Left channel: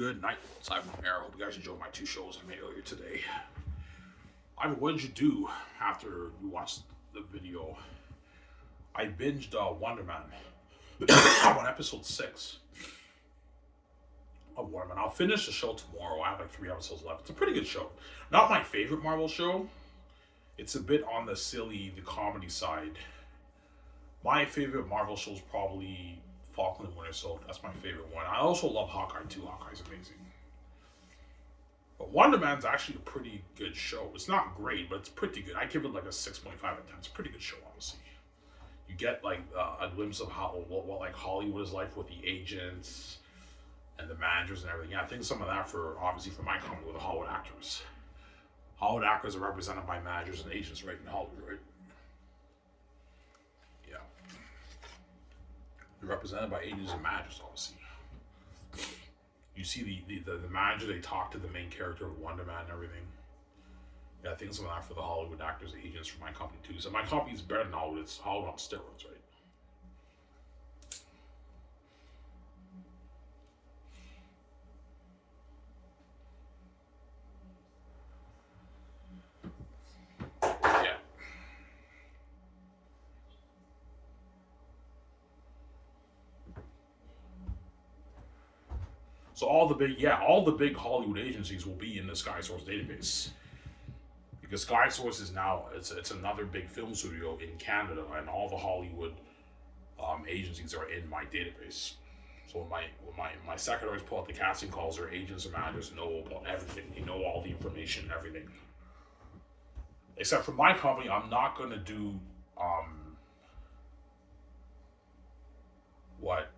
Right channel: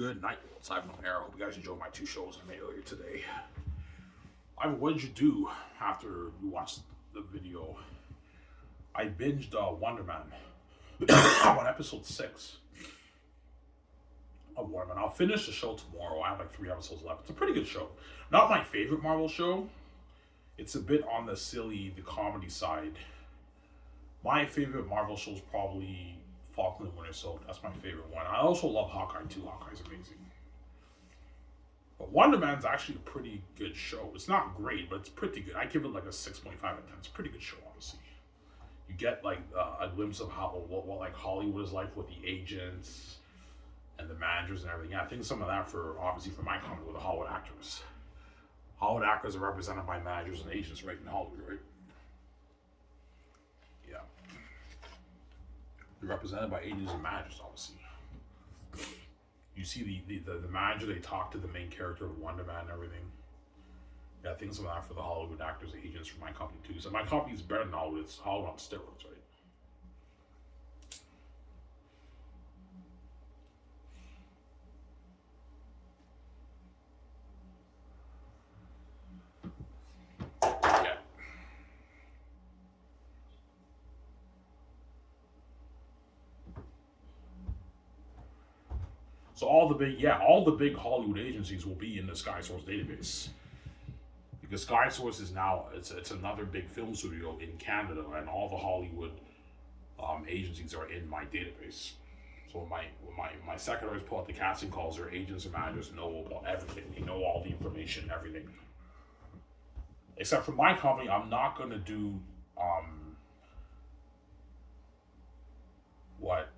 Good night. It's Ivan Livin. I hope you guys enjoyed my two shows I made earlier today. Ivan, what did you do after you watched the video? I binged Wonder Man. I'm on episode 6 of Wonder Man. I'll finish the show tomorrow. I have like 3 episodes left. It's a pretty good show. Not my favorite Marvel show. It's a bit on the silly, the comedy side. My favorite Marvel show is probably Falcon and Winter Soldier. That's my favorite one. I also love Hawkeye too. Hawkeye's amazing. But Wonder Man's actually a pretty good show. It's not great, but it's pretty good. I give it like a 6.5 out of 10. It's a pretty good show, honestly. You get like a glimpse of how what like Hollywood is like with the agents and the managers and everything. Yeah, I think some of that for obviously for my company with the Hollywood actors. Hollywood actors are represented by managers and agents right in Hollywood, right? Yeah. They're represented by agents and managers, obviously. You see the manager, they talk to the main character of Wonder Man and everything. Yeah, I think some of that for the Hollywood actors, agents for my company too. So my company is better than Hollywood. It's Hollywood on steroids, right? Yeah. So all the big Hollywood agencies will be in the Sky Source database. Because Sky Source is now it's another big film studio in Canada, and all the Hollywood agencies are in my database. So when my secretaries pull out the casting calls, their agents and managers know about everything. They know all the information, everything. Except for my company, I'm not gonna do what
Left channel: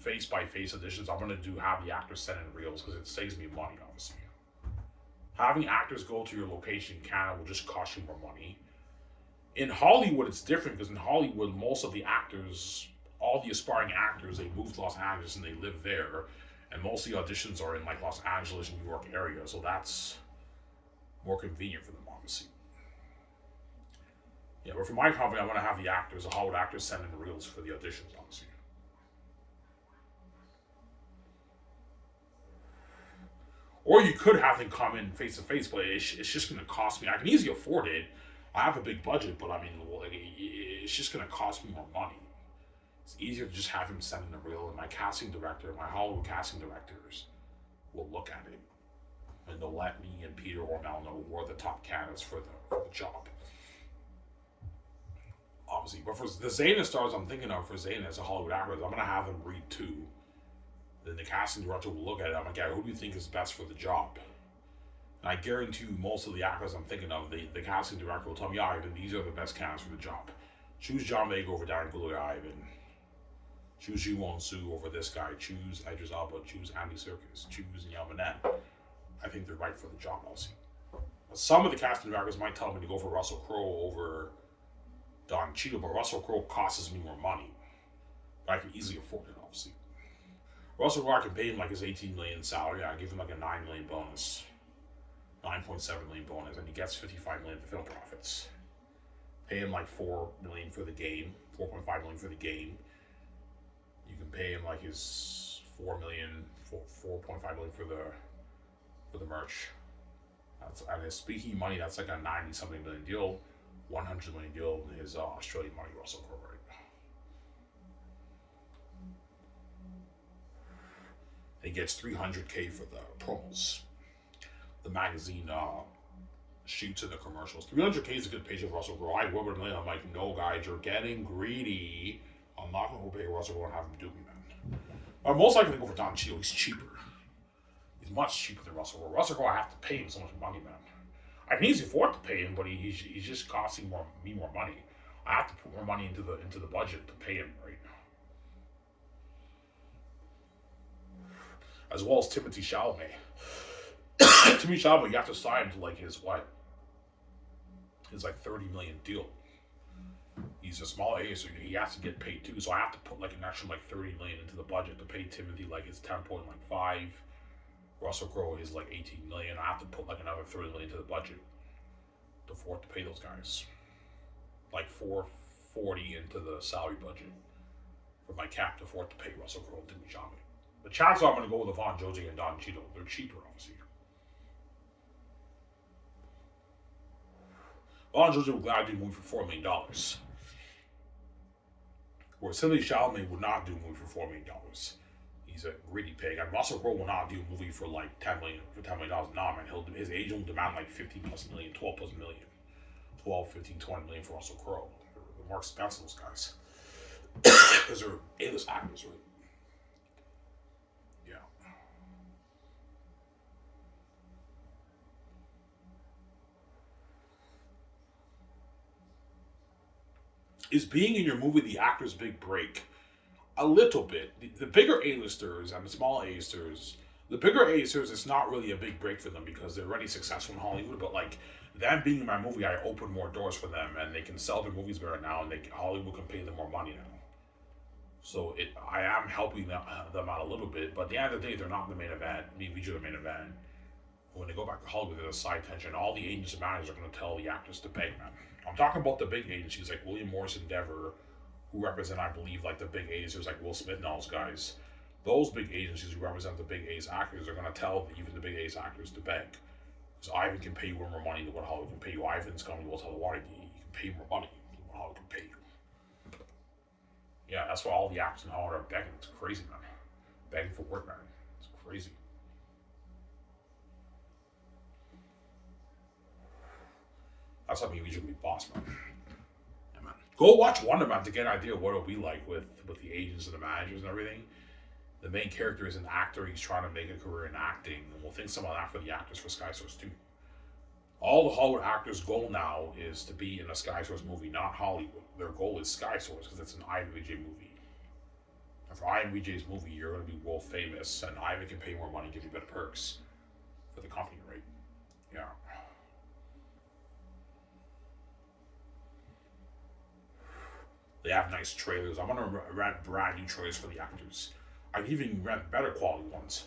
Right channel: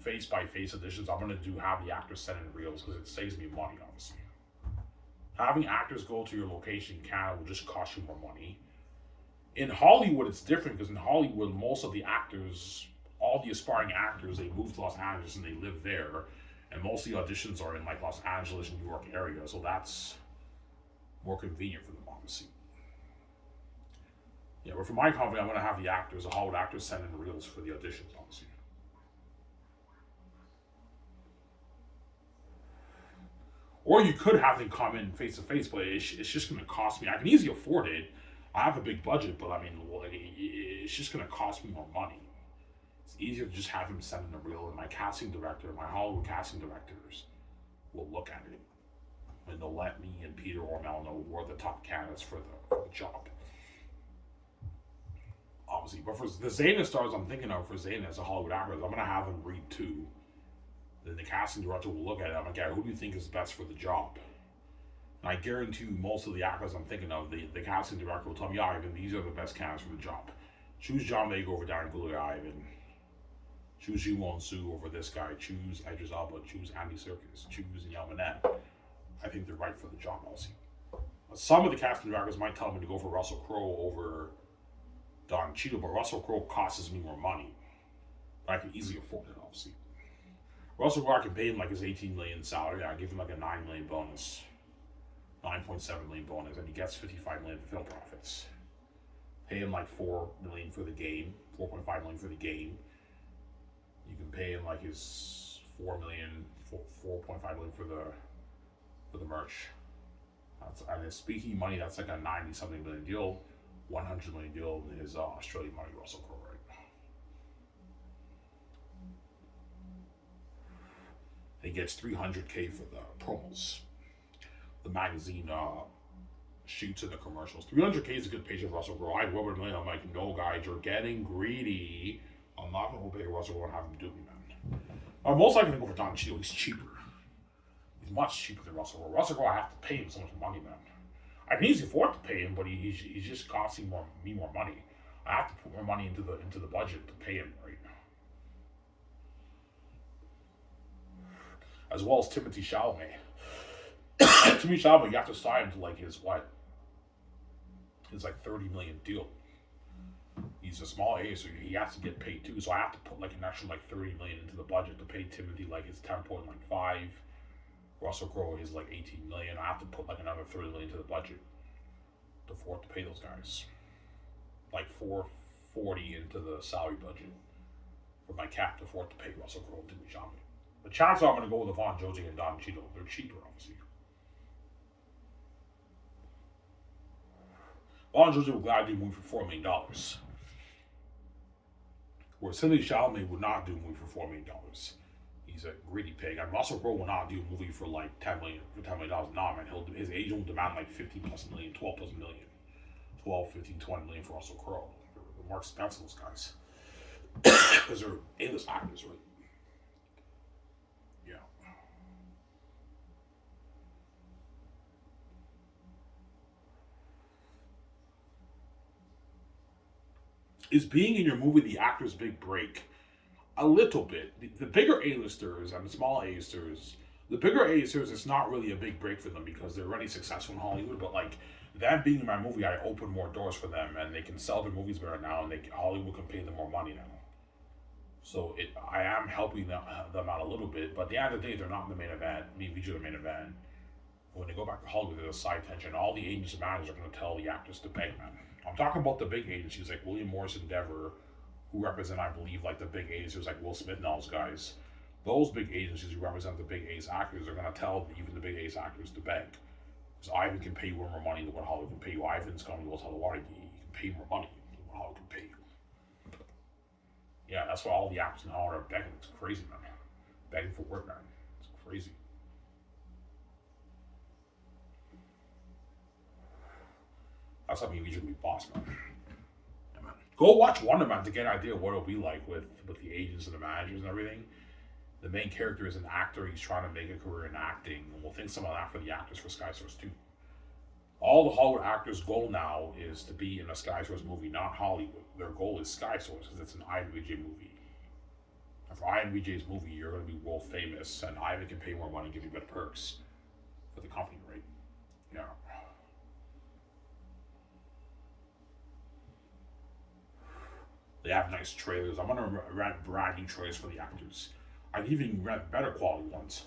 face by face auditions. I'm gonna have the actors send in reels because it saves me money, obviously. Having actors go to your location in Canada will just cost you more money. In Hollywood, it's different because in Hollywood, most of the actors, all the aspiring actors, they move to Los Angeles and they live there. And most of the auditions are in like Los Angeles, New York area. So that's more convenient for them, obviously. Yeah, but for my company, I'm going to have the Hollywood actors send in reels for the auditions, obviously. Or you could have them come in face to face, but it's just going to cost me. I can easily afford it. I have a big budget, but I mean, it's just going to cost me more money. It's easier to just have him send in a reel, and my Hollywood casting directors will look at it. And they'll let me and Peter or Mel know who are the top candidates for the job. Obviously, but for the Zayna stars I'm thinking of, for Zayna as a Hollywood actor, I'm going to have them read too. Then the casting director will look at it. I'm like, yeah, who do you think is best for the job? And I guarantee you, most of the actors I'm thinking of, the casting director will tell me, yeah, Ivan, these are the best candidates for the job. Choose John Vega over Darren Gloria Ivan. Choose Ji Won Soo over this guy. Choose Idris Elba. Choose Andy Serkis. Choose Yamanen. I think they're right for the job, also. Some of the casting directors might tell me to go for Russell Crowe over Don Cheadle, but Russell Crowe costs me more money. But I can easily afford it, obviously. Russell Crowe, I can pay him like his $18 million salary. I give him like a $9 million bonus, $9.7 million bonus, and he gets $55 million for film profits. Pay him like $4 million for the game, $4.5 million for the game. You can pay him like his $4.5 million for the merch. And his speaking money, that's like a 90-something million deal, $100 million deal in his Australian money, Russell Crowe, right? He gets $300K for the promos, the magazine shoots and the commercials. $300K is a good page of Russell Crowe. I will admit, I'm like, no, guys, you're getting greedy. I'm not going to pay Russell Crowe and have him do me, man. I'm most likely going to go for Don Cheadle. He's cheaper. He's much cheaper than Russell Crowe. Russell Crowe, I have to pay him so much money, man. I can easily afford to pay him, but he's just costing me more money. I have to put more money into the budget to pay him, right? As well as Timothée Chalamet. Timothée Chalamet, you have to sign him to like his like $30 million deal. He's a small A, so he has to get paid too. So I have to put like an extra like $30 million into the budget to pay Timothy like his 10.5. Russell Crowe is like $18 million. I have to put like another $30 million into the budget to afford to pay those guys. Like $440 into the salary budget for my cap to afford to pay Russell Crowe and Timothée Chalamet. The chances are I'm going to go with Yvonne Jose and Don Cheadle. They're cheaper, obviously. Yvonne Jose would gladly do a movie for $4 million. Whereas Timothy Chalamet would not do a movie for $4 million. He's a greedy pig. And Russell Crowe will not do a movie for like $10 million. Nah, man. His agent will demand like 15 plus million, 12 plus million. 12, 15, 20 million for Russell Crowe. They're more expensive, those guys. Because they're A-list actors, right? Yeah. Is being in your movie the actor's big break? A little bit. The bigger A-listers and the small A-listers, the bigger A-listers, it's not really a big break for them because they're already successful in Hollywood. But like them being in my movie, I open more doors for them, and they can sell their movies better now, and Hollywood can pay them more money now. So I am helping them out a little bit. But at the end of the day, they're not in the main event. Me and Vijay are the main event. When they go back to Hollywood, there's a side tension. All the agents and managers are going to tell the actors to beg, man. I'm talking about the big agencies like William Morris Endeavor, who represent, I believe, like the big A's, like Will Smith and all those guys. Those big agencies who represent the big A's actors are going to tell even the big A's actors to beg. Because Ivan can pay you more money than what Hollywood can pay you. Ivan's coming to tell the water, you can pay more money than what Hollywood can pay you. Yeah, that's why all the actors in Hollywood are begging. It's crazy, man. Begging for work, man. It's crazy. That's something we should be boss, man. Yeah, man. Go watch Wonder Man to get an idea of what it'll be like with the agents and the managers and everything. The main character is an actor. He's trying to make a career in acting. And we'll think some of that for the actors for Sky Source too. All the Hollywood actors' goal now is to be in a Sky Source movie, not Hollywood. Their goal is Sky Source because it's an Ivan Vijay movie. And for Ivan Vijay's movie, you're going to be world famous, and Ivan can pay more money and give you better perks for the company, right? Yeah. They have nice trailers. I'm gonna rent brand new trailers for the actors. I even rent better quality ones.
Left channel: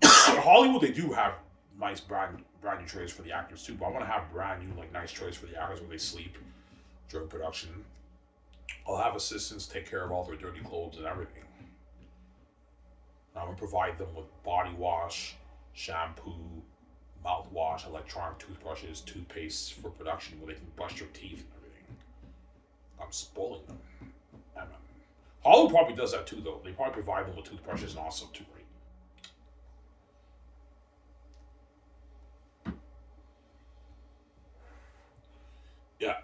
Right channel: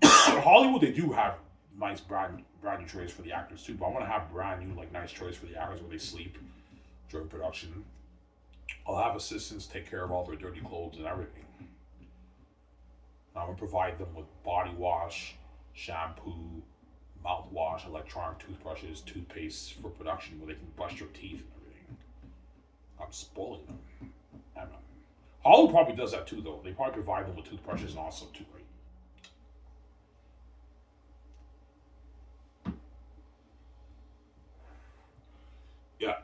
In Hollywood, they do have nice brand new trailers for the actors too. But I want to have brand new, like, nice trailers for the actors where they sleep during production. I'll have assistants take care of all their dirty clothes and everything. I'm gonna provide them with body wash, shampoo, mouthwash, electronic toothbrushes, toothpaste for production where they can brush your teeth and everything. I'm spoiling them. Hollywood probably does that too, though. They probably provide them with toothbrushes and also too, right? Yeah.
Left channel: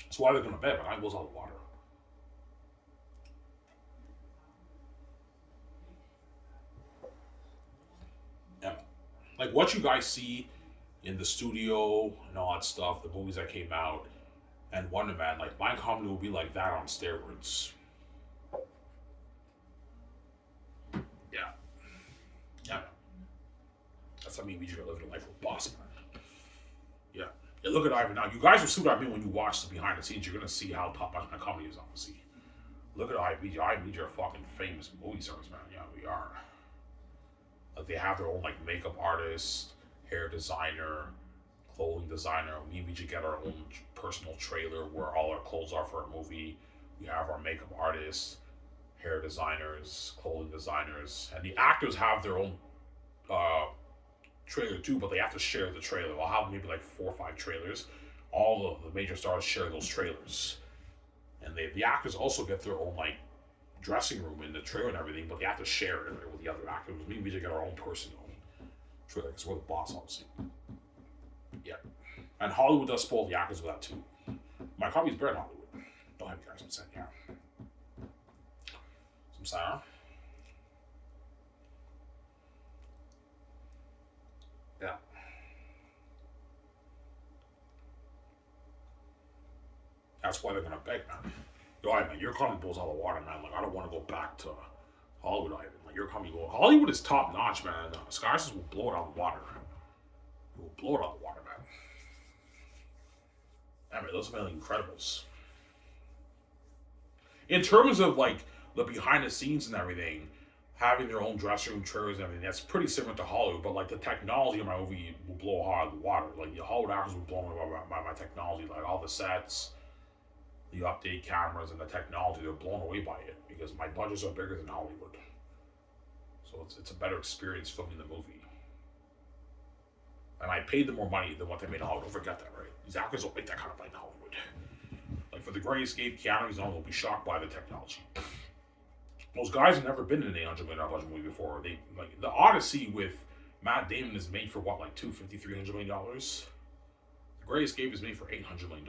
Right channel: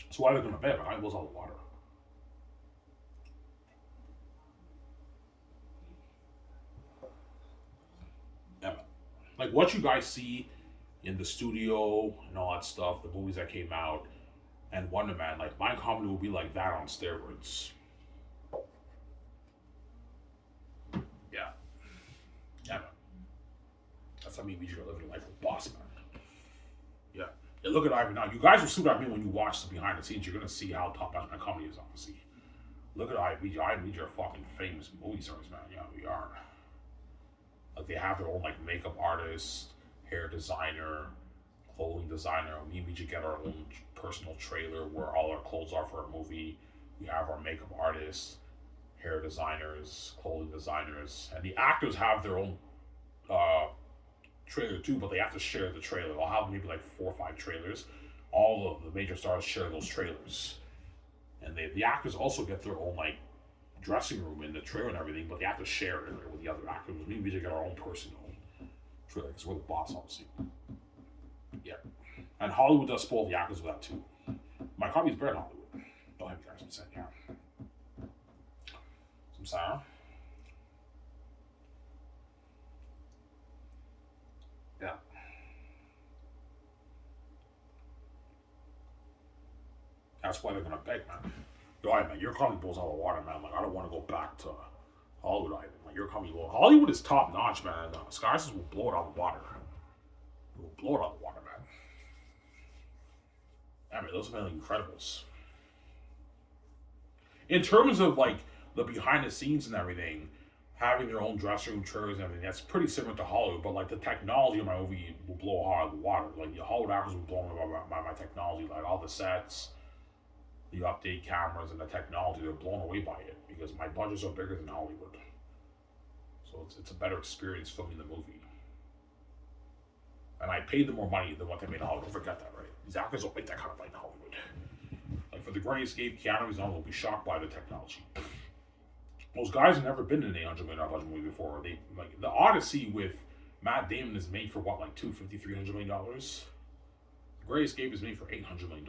That's why they're going to bed, but I goes all the water. Yeah. Like what you guys see in the studio and all that stuff, the movies that came out, and Wonder Man, like my comedy will be like that on steroids. Yeah. Yeah, man. That's what I mean. We just gotta live a life of a boss, man. Yeah. Yeah, look at Ivan now. You guys will see what I mean when you watch the behind the scenes. You're gonna see how top notch my comedy is, obviously. Look at Ivan. Ivan are fucking famous movie stars, man. Yeah, we are. Like they have their own like makeup artist, hair designer, clothing designer. We just get our own personal trailer where all our clothes are for a movie. We have our makeup artists, hair designers, clothing designers, and the actors have their own trailer too, but they have to share the trailer. I'll have maybe like 4 or 5 trailers. All of the major stars share those trailers, and the actors also get their own like dressing room in the trailer and everything, but they have to share it with the other actors. We just get our own personal trailer because we're the boss, obviously. Yeah. And Hollywood does spoil the actors with that too. My comedy's better than Hollywood. Don't have you guys upset, yeah. Some sound. Yeah. That's why they're gonna beg, man. Yo, man, your comedy blows out of the water, man. Like I don't want to go back to Hollywood, Ivan. Like your comedy, Hollywood is top notch, man. Sky Source will blow it out of the water. It will blow it out of the water, man. I mean, those have been Incredibles. In terms of like the behind the scenes and everything, having their own dressing room, trailers, and everything, that's pretty similar to Hollywood. But like the technology of my movie will blow out of the water. Like the Hollywood actors will blow by my technology, like all the sets, the update cameras and the technology. They're blown away by it because my budgets are bigger than Hollywood. So it's a better experience filming the movie. And I paid them more money than what they made in Hollywood. Don't forget that, right? These actors don't make that kind of money in Hollywood. Like for The Great Escape, Keanu Reeves will be shocked by the technology. Those guys have never been in an $800 million budget movie before. They like the Odyssey with Matt Damon is made for what, like $250, $300 million. The Great Escape is made for $800 million.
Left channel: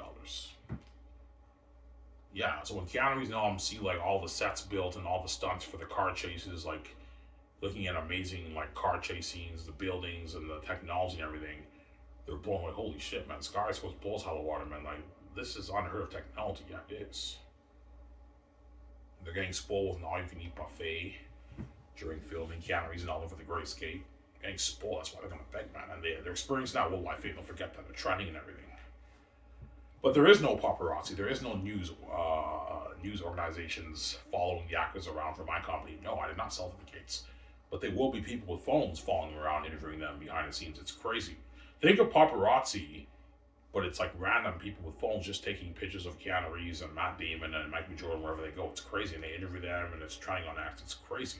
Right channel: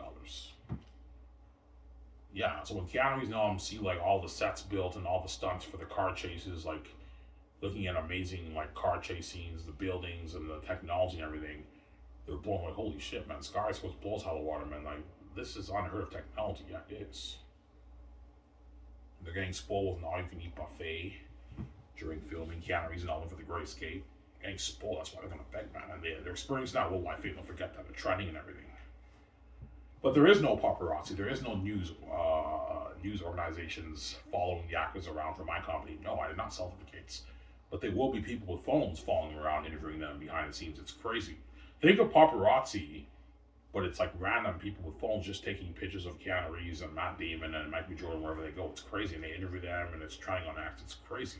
Yeah, so when Keanu Reeves now see like all the sets built and all the stunts for the car chases, like looking at amazing like car chase scenes, the buildings and the technology and everything, they're blown away. Holy shit, man! Sky is supposed to blow us out of the water, man. Like this is unheard of technology. Yeah, it is. They're getting spoiled with an all-you-can-eat buffet during filming. Keanu Reeves and all them for The Great Escape. Getting spoiled. That's why they're gonna beg, man. And they're experiencing that world-wide fame. Don't forget that. They're trending and everything. But there is no paparazzi. There is no news organizations following the actors around for my company. No, I did not sell certificates. But there will be people with phones following around, interviewing them behind the scenes. It's crazy. Think of paparazzi, but it's like random people with phones just taking pictures of Keanu Reeves and Matt Damon and Michael Jordan wherever they go. It's crazy. And they interview them and it's trying on acts. It's crazy.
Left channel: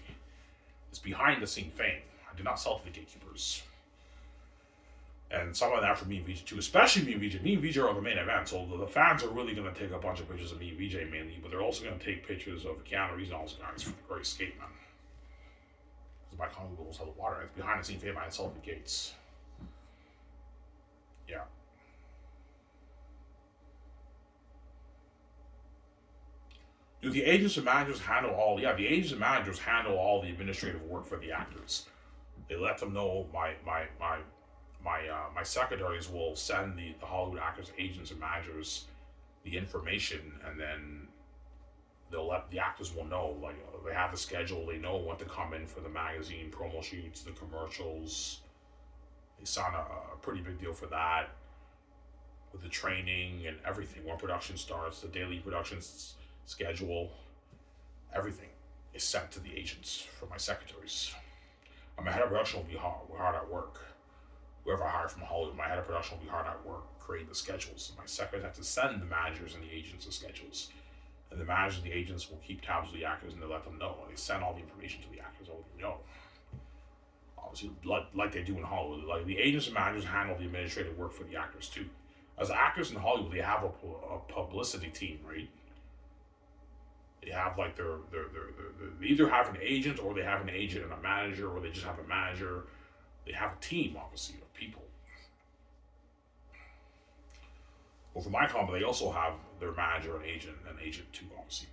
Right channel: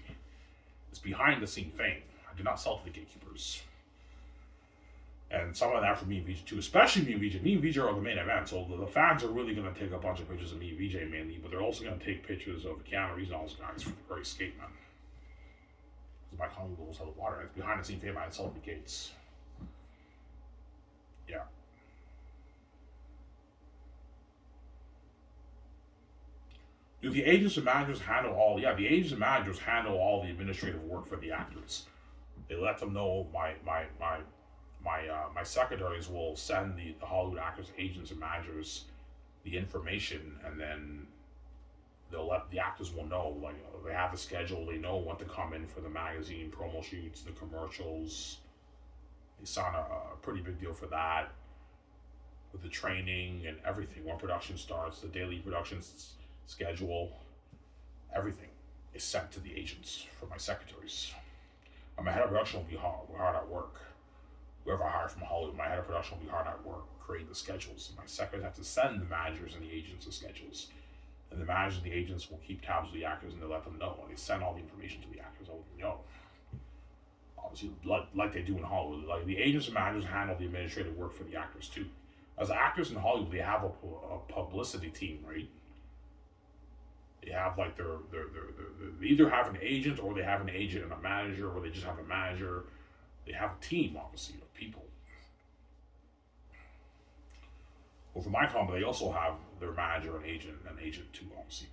It's behind the scene fame. I did not sell to the gatekeepers. And some of that for me and VJ too, especially me and VJ. Me and VJ are the main event, so the fans are really going to take a bunch of pictures of me and VJ mainly, but they're also going to take pictures of Keanu Reeves and all those guys for The Great Escape, man. Because my company goes out of the water. It's behind the scene fame. I sold the gates. Yeah. Do the agents and managers handle all? Yeah, the agents and managers handle all the administrative work for the actors. They let them know my secretaries will send the Hollywood actors, agents, and managers the information, and then they'll let the actors will know. Like they have the schedule, they know what to come in for the magazine promo shoots, the commercials. They sign a pretty big deal for that, with the training and everything. When production starts, the daily production schedule, everything is sent to the agents for my secretaries. And my head of production will be hard at work. Whoever I hire from Hollywood, my head of production will be hard at work, create the schedules. My secretaries have to send the managers and the agents the schedules. And the managers and the agents will keep tabs with the actors and they let them know. They send all the information to the actors, I'll let them know. Obviously, like they do in Hollywood. Like the agents and managers handle the administrative work for the actors too. As actors in Hollywood, they have a publicity team, right? They have like they either have an agent or they have an agent and a manager, or they just have a manager. They have a team, obviously, of people. Well, for my company, they also have their manager and agent too, obviously.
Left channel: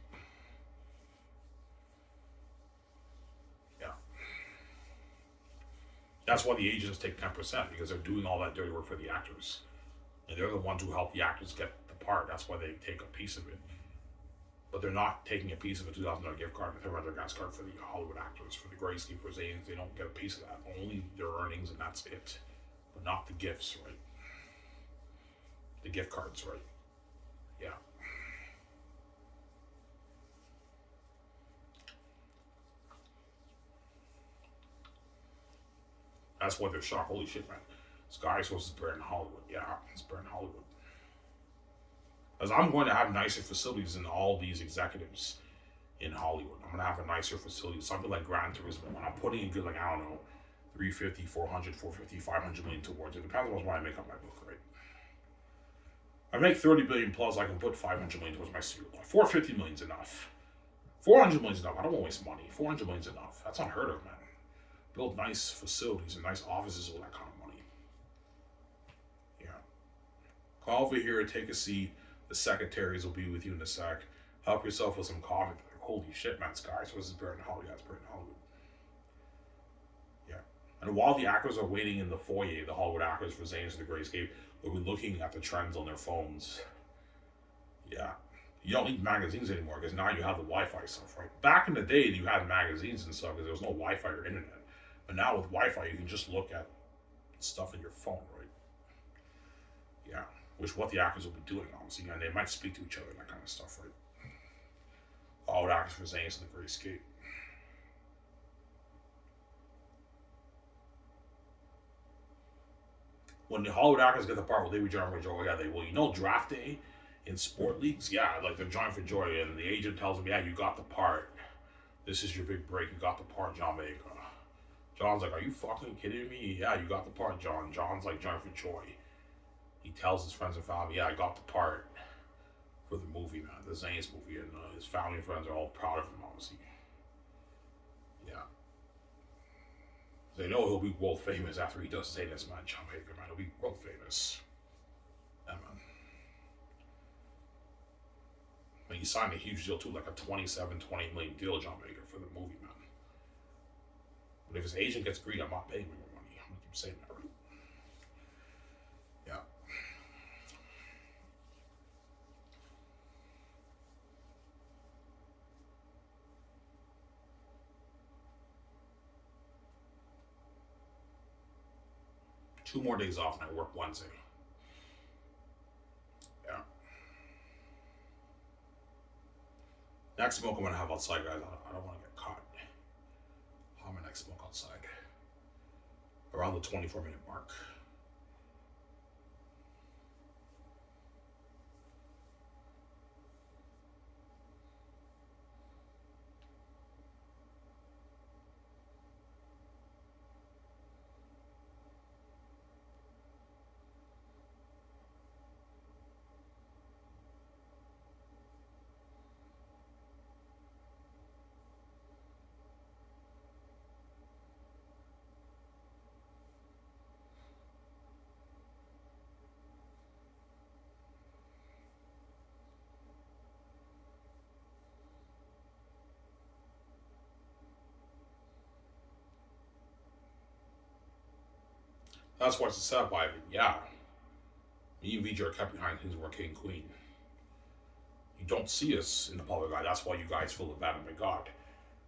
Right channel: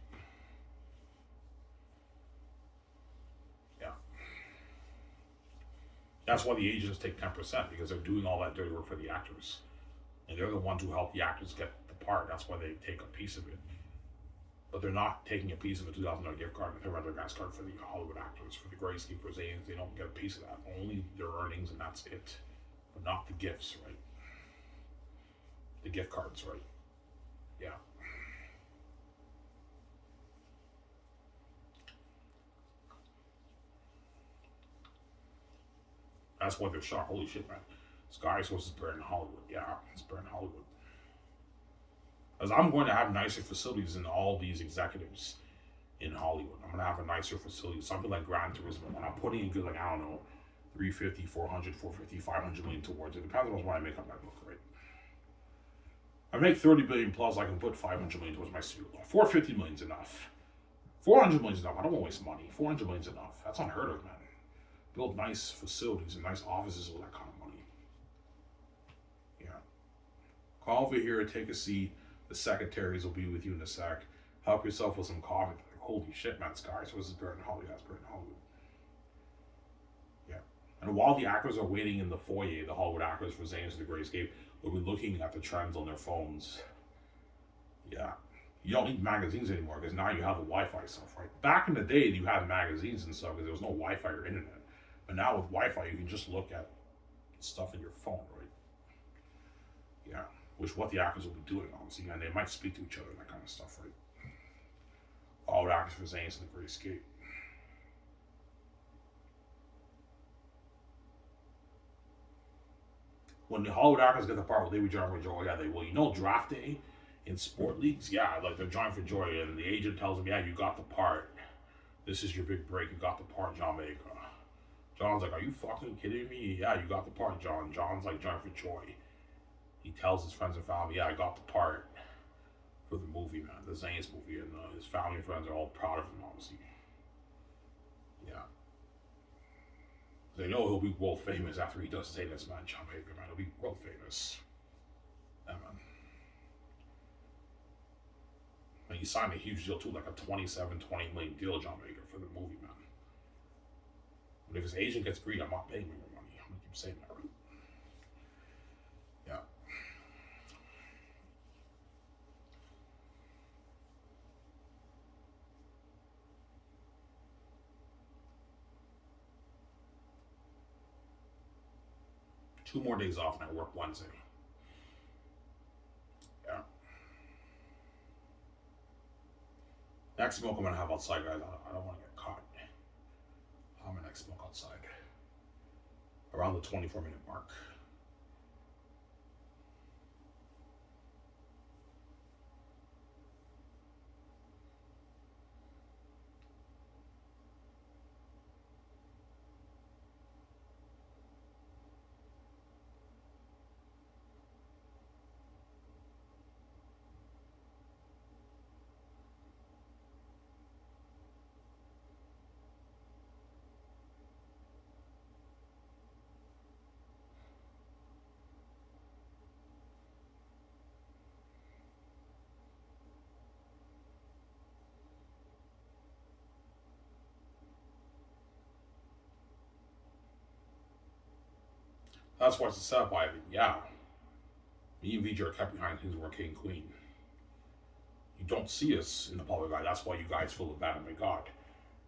Yeah. That's why the agents take 10%, because they're doing all that dirty work for the actors. And they're the ones who help the actors get the part. That's why they take a piece of it. But they're not taking a piece of a $2,000 gift card and a $300 gas card for the Hollywood actors, for the Great Escape, they don't get a piece of that. Only their earnings, and that's it. But not the gifts, right? The gift cards, right? Yeah. That's why they're shocked. Holy shit, man. Sky Source is buried in Hollywood. Yeah, it's buried in Hollywood. As I'm going to have nicer facilities than all these executives in Hollywood. I'm going to have a nicer facility, something like Gran Turismo. When I'm putting a good, like, I don't know, 350, 400, 450, 500 million towards it. Depends on what I make up my book, right? I make 30 billion plus, I can put 500 million towards my studio. 450 million is enough. 400 million is enough. I don't want to waste money. 400 million is enough. That's unheard of, man. Build nice facilities and nice offices with that kind of money. Yeah. Call over here, take a seat. The secretaries will be with you in a sec. Help yourself with some coffee. Like, holy shit, man, Sky Source is buried in Hollywood. That's buried in Hollywood. Yeah. And while the actors are waiting in the foyer, the Hollywood actors for Zane's The Great Escape, they'll be looking at the trends on their phones. Yeah. You don't need magazines anymore because now you have the Wi-Fi stuff, right? Back in the day, you had magazines and stuff because there was no Wi-Fi or internet. But now with Wi-Fi, you can just look at stuff in your phone, right? Yeah. Which what the actors will be doing, obviously, and they might speak to each other, that kind of stuff, right? All the actors for Zane's The Great Escape. When the Hollywood actors get the part, will they be John Joe? Yeah, they will. You know, draft day In sport leagues, yeah, like they're joined for joy, and the agent tells him, "Yeah, you got the part. This is your big break. You got the part, John Vega." John's like, "Are you fucking kidding me? Yeah, you got the part, John." John's like joined for joy. He tells his friends and family, "Yeah, I got the part for the movie, man, the Zane's movie," and his family and friends are all proud of him, obviously. Yeah, they know he'll be world famous after he does Zane's, man. John Vega, man, he'll be world famous. Yeah, man. And he signed a huge deal too, like a 28 million deal, John Baker, for the movie, man. But if his agent gets greedy, I'm not paying him more money. I'm gonna keep saying that, right? Yeah. 2 more days off, and I work Wednesday. Yeah. Next smoke I'm gonna have outside, guys. I don't want to get caught. I'll have my next smoke outside around the 24-minute mark. That's what's the setup, Ivan. Yeah. Me and VJ are kept behind things we're king and queen. You don't see us in the public eye. That's why you guys feel abandoned by God.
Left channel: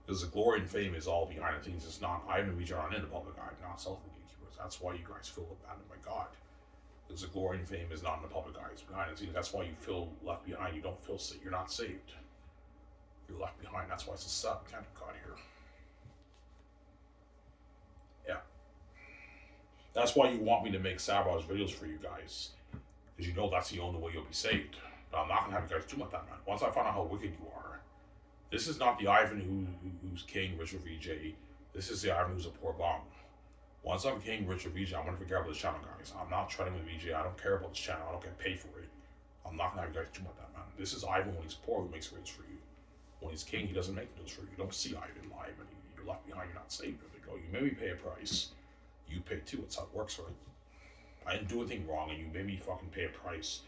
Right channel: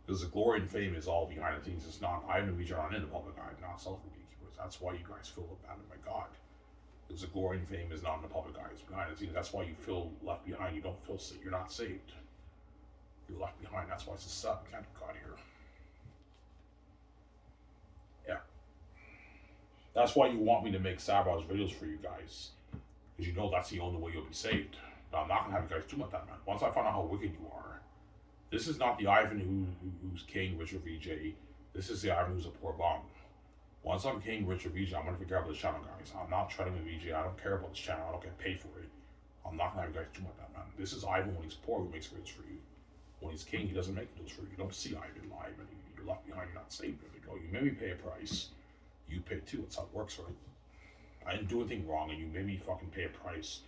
Because the glory and fame is all behind the scenes. It's not, Ivan and VJ are not in the public eye, not self gatekeepers. That's why you guys feel abandoned by God. Because the glory and fame is not in the public eye, it's behind the scenes. That's why you feel left behind. You don't feel safe. You're not saved. You're left behind. That's why it's a set. You can't God here. Yeah. That's why you want me to make sabotage videos for you guys. Because you know that's the only way you'll be saved. But I'm not going to have you guys do like that, man. Once I find out how wicked you are, this is not the Ivan who's king, rich, or VJ. This is the Ivan who's a poor bum. Once I'm king, rich, or VJ, I'm going to forget about this channel, guys. I'm not trading with VJ. I don't care about this channel. I don't get paid for it. I'm not going to have you guys do like that, man. This is Ivan when he's poor who makes videos for you. When he's king, he doesn't make videos for you. You don't see Ivan live, and you're left behind. You're not saved. They go, you made me pay a price. You pay too. That's how it works, right? I didn't do anything wrong, and you made me fucking pay a price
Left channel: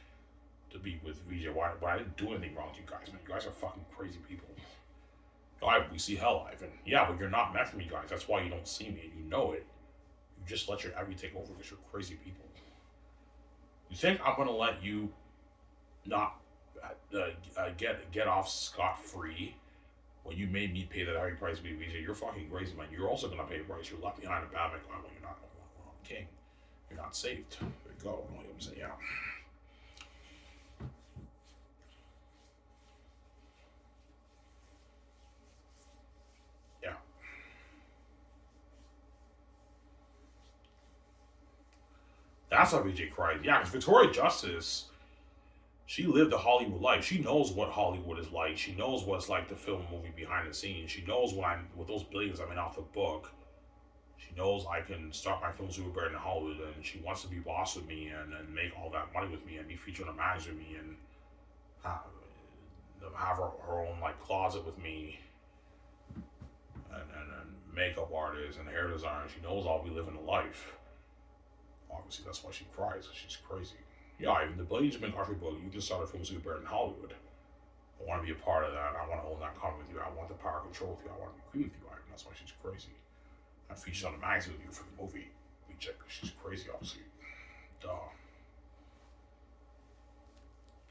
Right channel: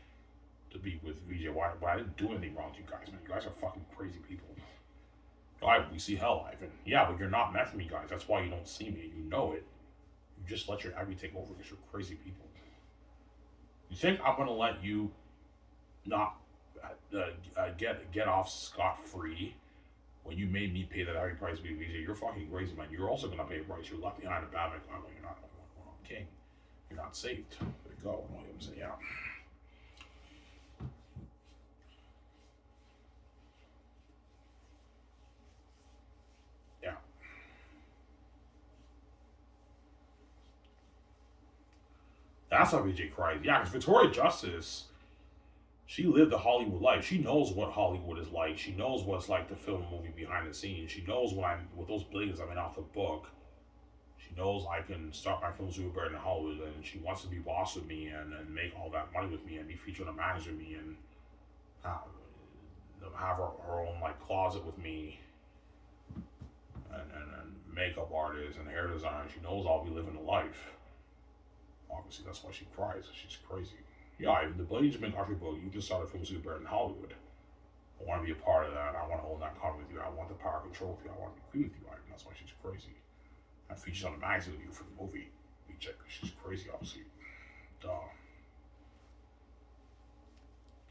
to be with VJ. Why? I didn't do anything wrong to you guys, man. You guys are fucking crazy people. We see hell, Ivan. Yeah, but you're not meant for me, guys. That's why you don't see me. You know it. You just let your envy take over because you're crazy people. You think I'm gonna let you not get off scot-free when you made me pay that heavy price to be VJ? You're fucking crazy, man. You're also gonna pay a price. You're left behind a bad man. Well, you're not when I'm king. You're not saved. There you go. I know what I'm saying. Yeah. Yeah. That's how VJ cried. Yeah, because Victoria Justice, she lived the Hollywood life. She knows what Hollywood is like. She knows what it's like to film a movie behind the scenes. She knows when I'm with those billions I'm in off the book. She knows I can start my film super better in Hollywood, and she wants to be boss with me and make all that money with me and be featured on a magazine with me and have her own like closet with me and makeup artist and hair designer. She knows I'll be living a life. Obviously, that's why she cries. She's crazy. Yeah, even the Blades McCarthy book, you just started film super better in Hollywood. I want to be a part of that. I want to own that comic with you. I want the power control with you. I want to be free with you, Ivan. That's why she's crazy. I featured on the magazine with you for the movie. We check. She's crazy, obviously. Duh.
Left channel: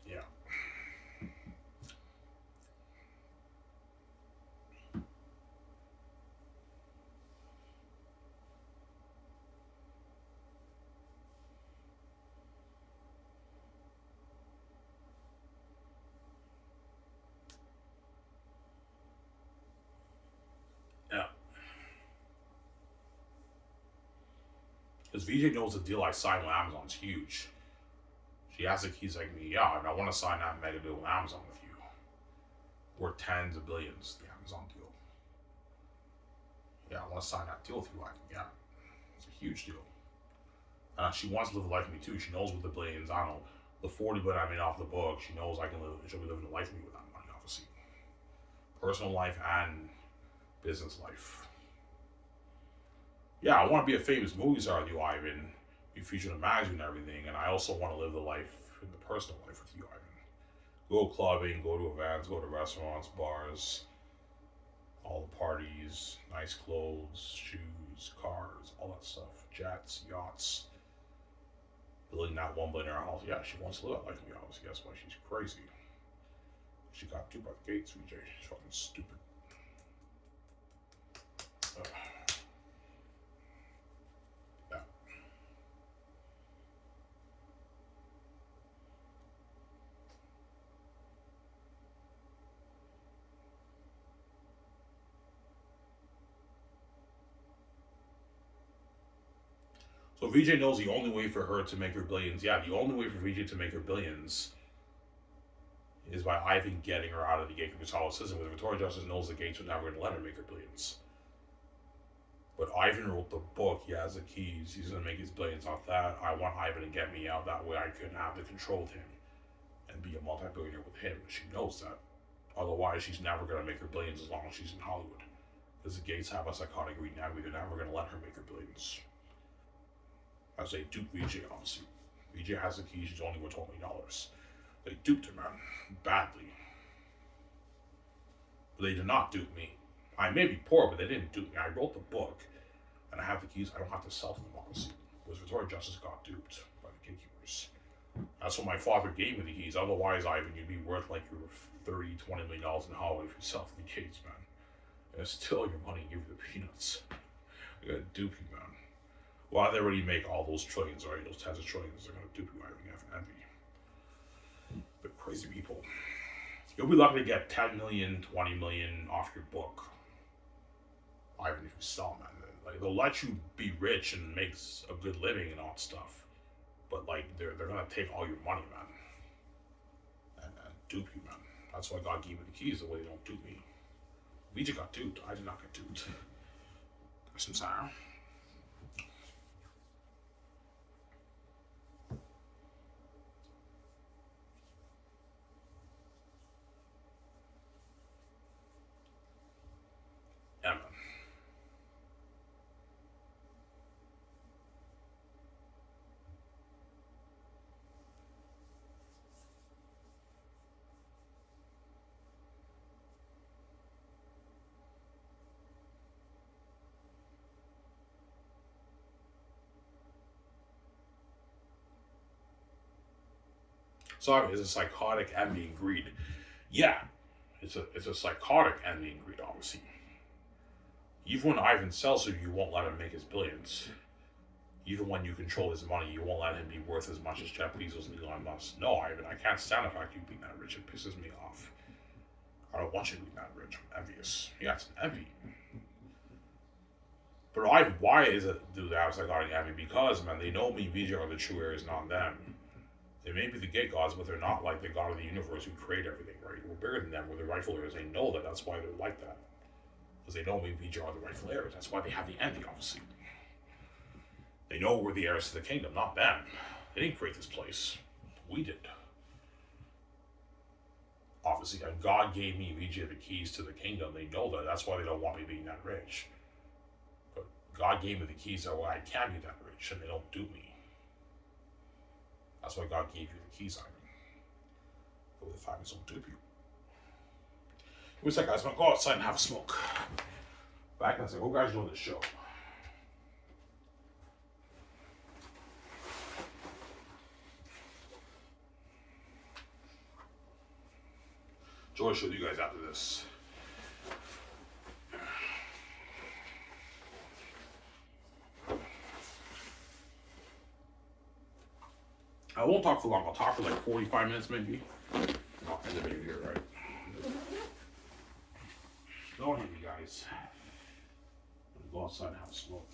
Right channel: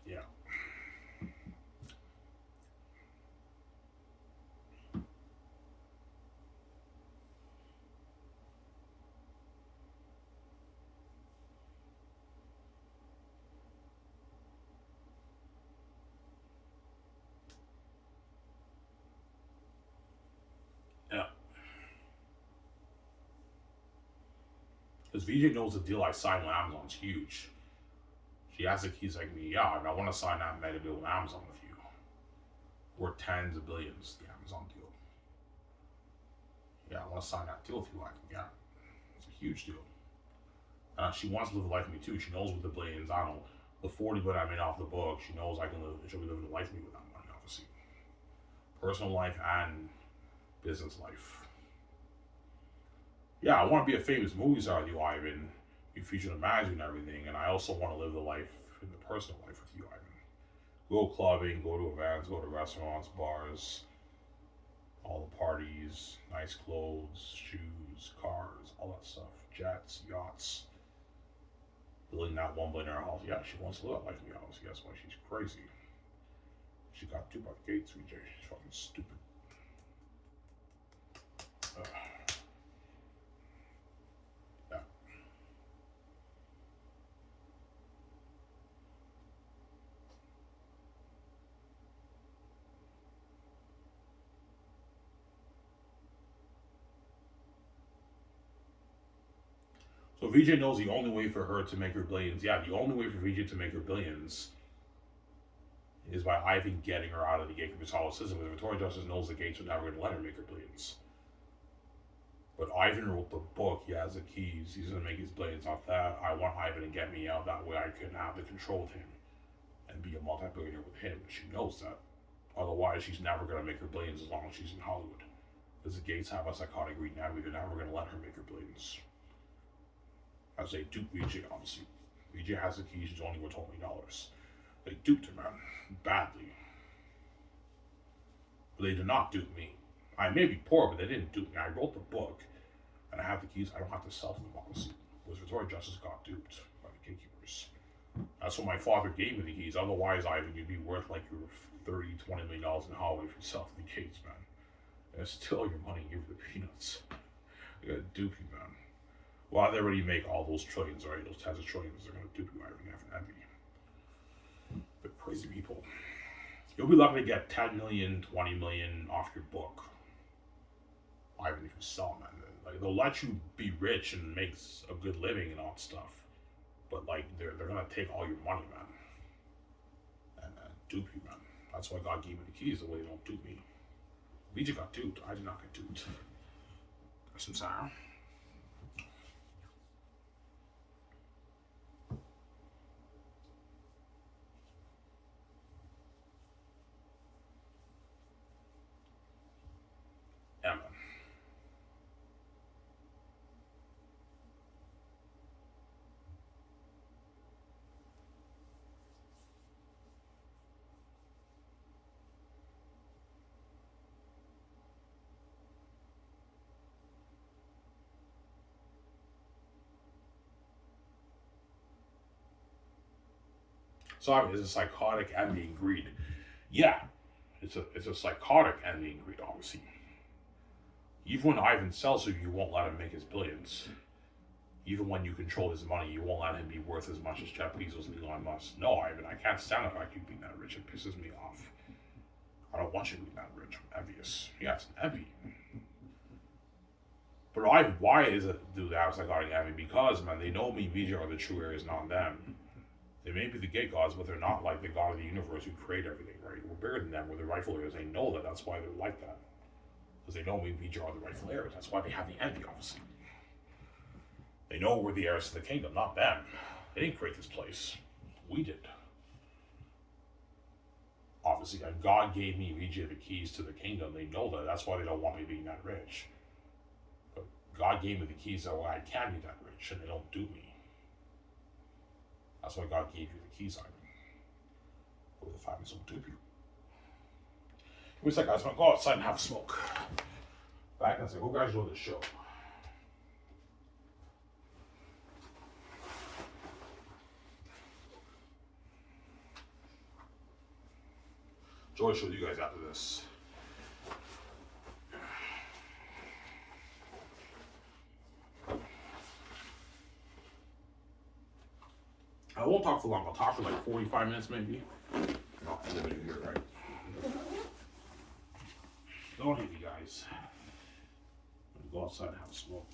Yeah. Yeah. Because VJ knows the deal I signed with Amazon's huge. She has the keys like me. Yeah, and I want to sign that mega deal with Amazon with you. Worth tens of billions, the Amazon deal. Yeah, I want to sign that deal with you. Yeah, it's a huge deal. She wants to live a life with me too. She knows with the billions, I don't know, the 40 billion I made off the book, she knows I can live, she'll be living a life with me with that money, obviously. Personal life and business life. Yeah, I want to be a famous movie star with you, Ivan. Be featured in a magazine and everything, and I also want to live the life in the personal life with you, Ivan. Go clubbing, go to events, go to restaurants, bars, all the parties, nice clothes, shoes, cars, all that stuff, jets, yachts. Building that $1 billion house. Yeah, she wants to live that life in the house. That's why she's crazy. She got duped by the gates, VJ. She's fucking stupid. Yeah. So VJ knows the only way for her to make her billions. Yeah, the only way for VJ to make her billions is by Ivan getting her out of the gate Catholicism. Because Victoria Justice knows the gates are never going to let her make her billions. But Ivan wrote the book. He has the keys. He's going to make his billions off that. I want Ivan to get me out. That way I can have the control of him and be a multi-billionaire with him. She knows that. Otherwise, she's never going to make her billions as long as she's in Hollywood. Because the gates have a psychotic greed now. They're never going to let her make her billions. As they dupe VJ, obviously. VJ has the keys. She's only worth $20 million. They duped her, man. Badly. But they did not dupe me. I may be poor, but they didn't dupe me. I wrote the book, and I have the keys. I don't have to sell them, obviously. Whereas Victoria Justice got duped by the gatekeepers. That's what my father gave me the keys. Otherwise, Ivan, you'd be worth like your $30-20 million in Hollywood if you sell the gates, man. And it's still your money. Give you the peanuts. They're gonna dupe you, man. Well, they already make all those trillions, right? Those tens of trillions. They're gonna dupe you, Ivan. You have an envy. But crazy people. You'll be lucky to get 10 million, 20 million off your book. Ivan, if you sell them, man. Like, they'll let you be rich and make a good living and all that stuff. But, like, they're gonna take all your money, man. And dupe you, man. That's why God gave me the keys, the way they don't dupe me. VJ got duped. I did not get duped. That's insane. Yeah, man. So it's a psychotic envy and greed. Yeah, it's a psychotic envy and greed, obviously. Even when Ivan sells you, you won't let him make his billions. Even when you control his money, you won't let him be worth as much as Jeff Bezos and Elon Musk. No, Ivan, I can't stand the fact you being that rich. It pisses me off. I don't want you being that rich. I'm envious. Yeah, it's an envy. But Ivan, why is it do that psychotic envy? Because, man, they know me, VJ, are the true heirs, not them. They may be the gate gods, but they're not like the god of the universe who created everything, right? We're bigger than them. We're the rightful heirs. They know that. That's why they're like that. Because they know we VJ are the rightful heirs. That's why they have the envy, obviously. They know we're the heirs to the kingdom, not them. They didn't create this place. We did. Obviously, and God gave me VJ the keys to the kingdom. They know that. That's why they don't want me being that rich. But God gave me the keys so I can be that rich, and they don't do me. That's why God gave you the keys, Ivan. But with the famines don't dupe you. What's that, guys? I'm gonna go outside and have a smoke. Back and say, hope you guys enjoy the show. Joy show you guys after this. I won't talk for long. I'll talk for like 45 minutes maybe. Not for the here, right? Don't hate me, guys. I'm gonna go outside and have a smoke.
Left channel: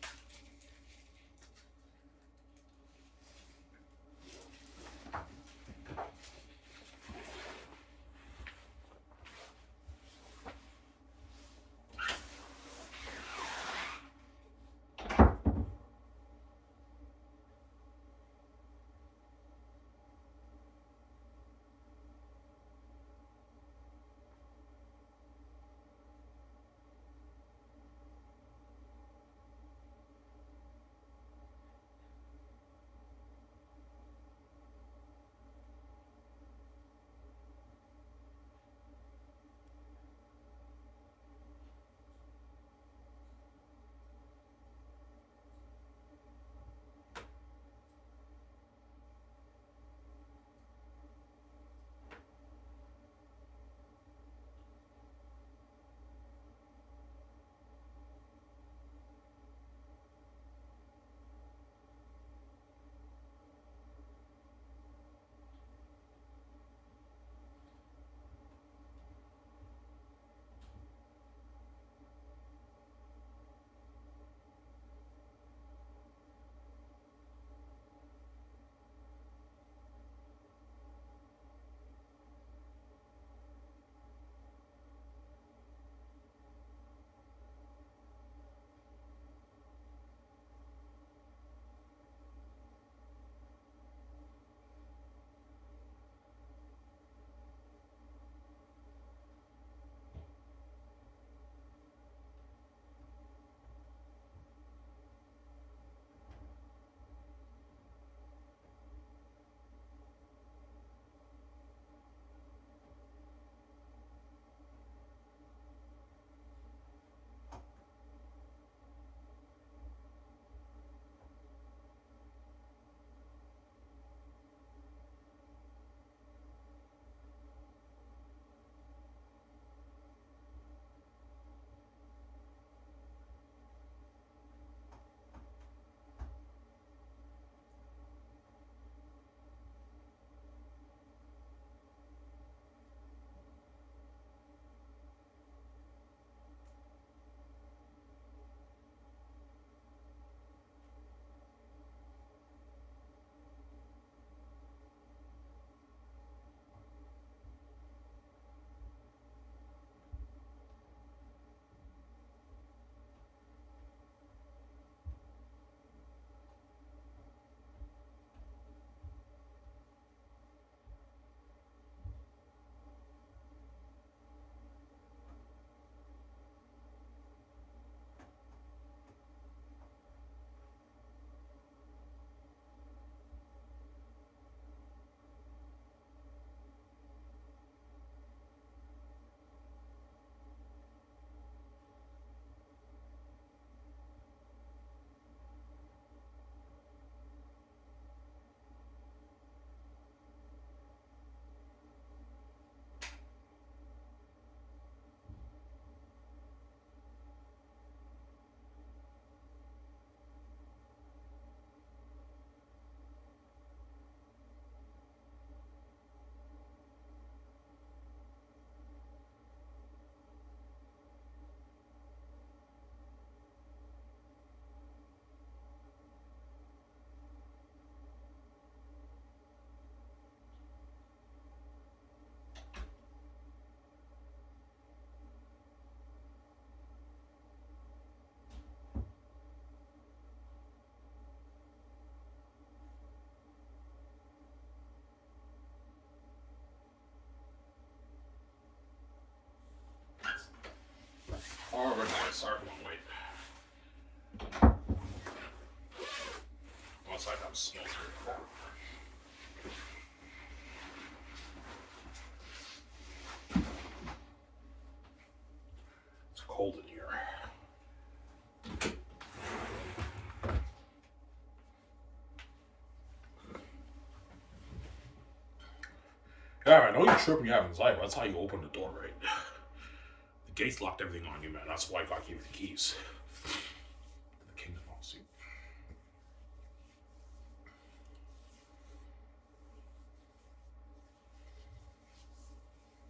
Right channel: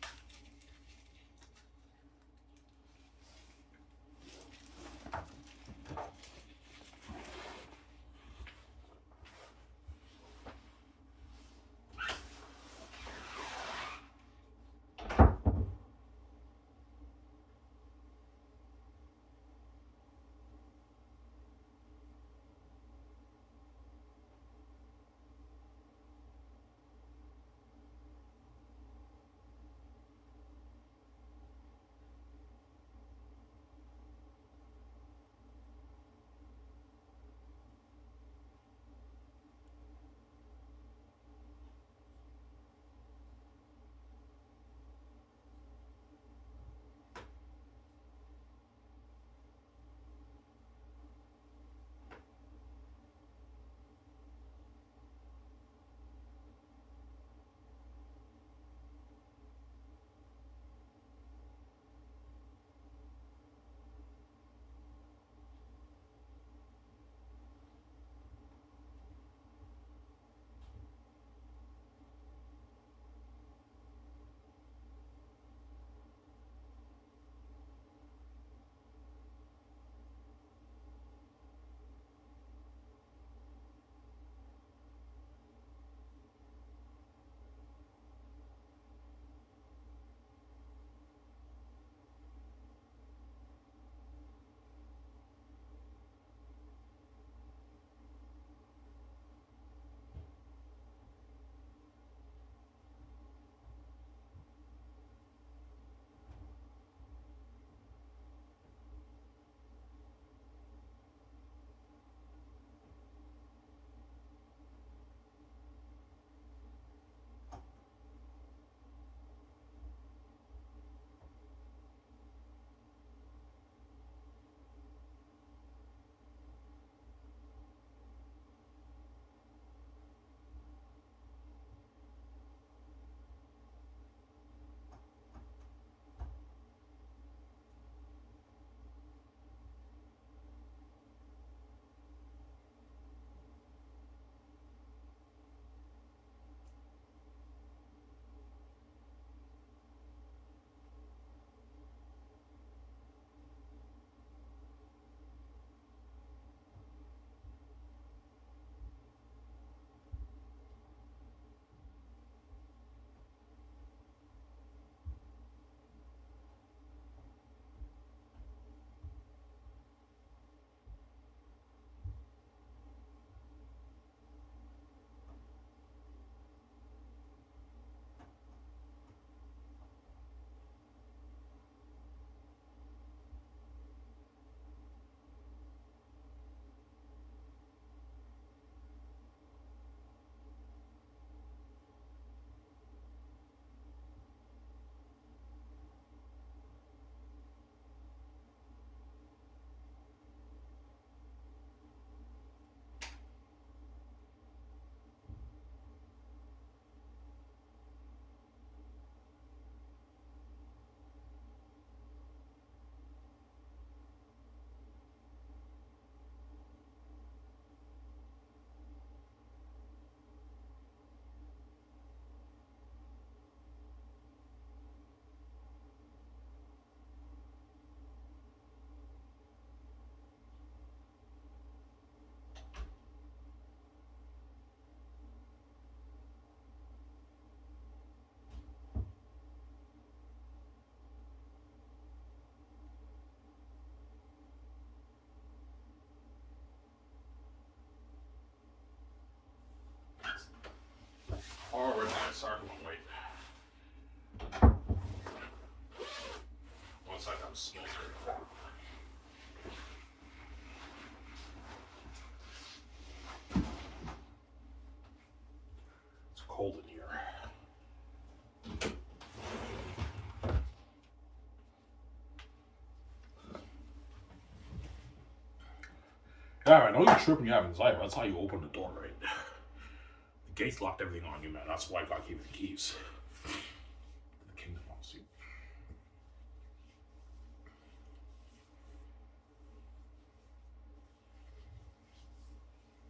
I Yeah, I know you're tripping you have inside, but that's how you open the door, right? The gates locked everything on you, man. That's why I got to keep the keys. The kingdom policy.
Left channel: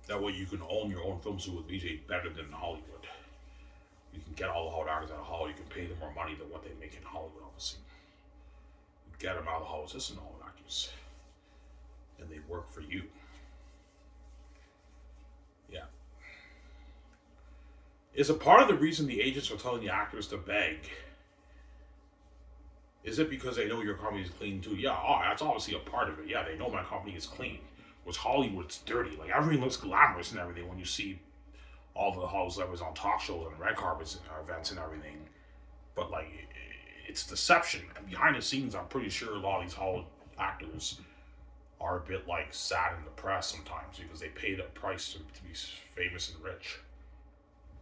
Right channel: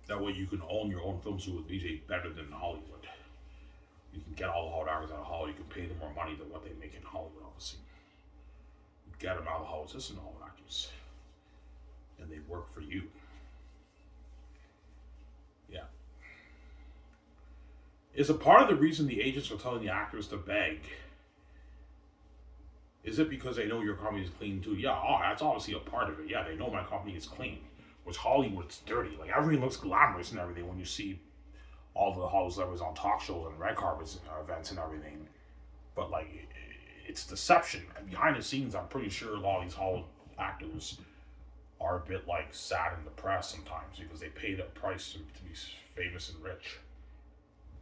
That way you can own your own film studio with VJ better than Hollywood. You can get all the hot actors out of Hollywood. You can pay them more money than what they make in Hollywood, obviously. You get them out of the Hollywood system, all the actors. And they work for you. Yeah. Is a part of the reason the agents are telling the actors to beg? Is it because they know your company is clean too? Yeah, that's obviously a part of it. Yeah, they know my company is clean. Which Hollywood's dirty. Like, everything looks glamorous and everything when you see all the Hollywood celebrities on talk shows and red carpets events and everything. But, like, it's deception. And behind the scenes, I'm pretty sure a lot of these Hollywood actors are a bit, like, sad and depressed sometimes because they paid a price to be famous and rich.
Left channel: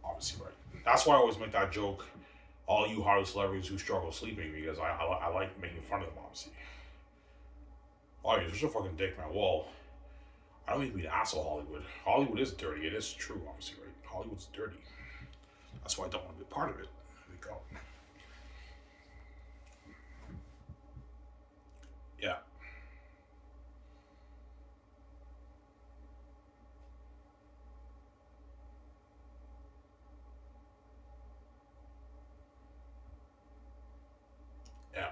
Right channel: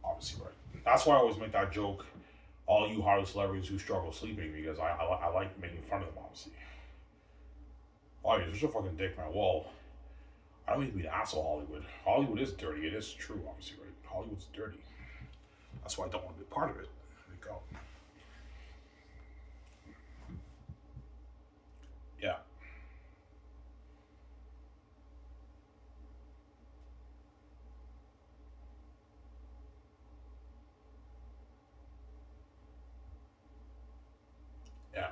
Obviously, right. That's why I always make that joke, all you Hollywood celebrities who struggle sleeping, because I like making fun of them, obviously. Oh, you're such a fucking dick, man. Well, I don't mean to be an asshole, Hollywood. Hollywood is dirty. It is true, obviously, right? Hollywood's dirty. That's why I don't want to be a part of it. There we go. Yeah. Yeah.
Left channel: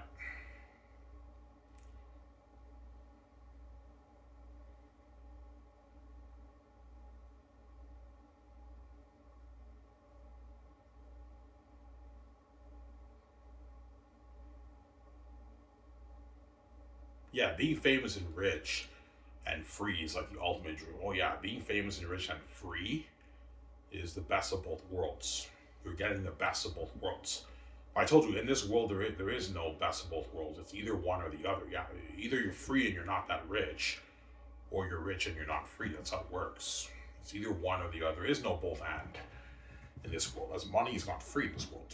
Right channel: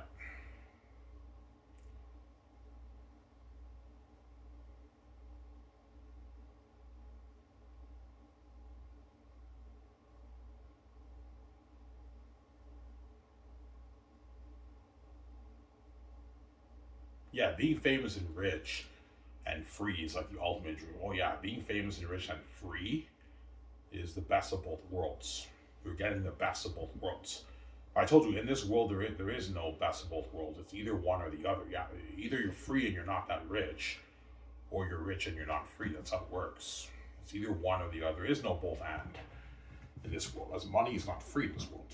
Yeah, being famous and rich and free is like the ultimate dream. Oh yeah, being famous and rich and free is the best of both worlds. You're getting the best of both worlds. I told you, in this world, there is no best of both worlds. It's either one or the other. Yeah, either you're free and you're not that rich, or you're rich and you're not free. That's how it works. It's either one or the other. There is no both and in this world, as money is not free in this world.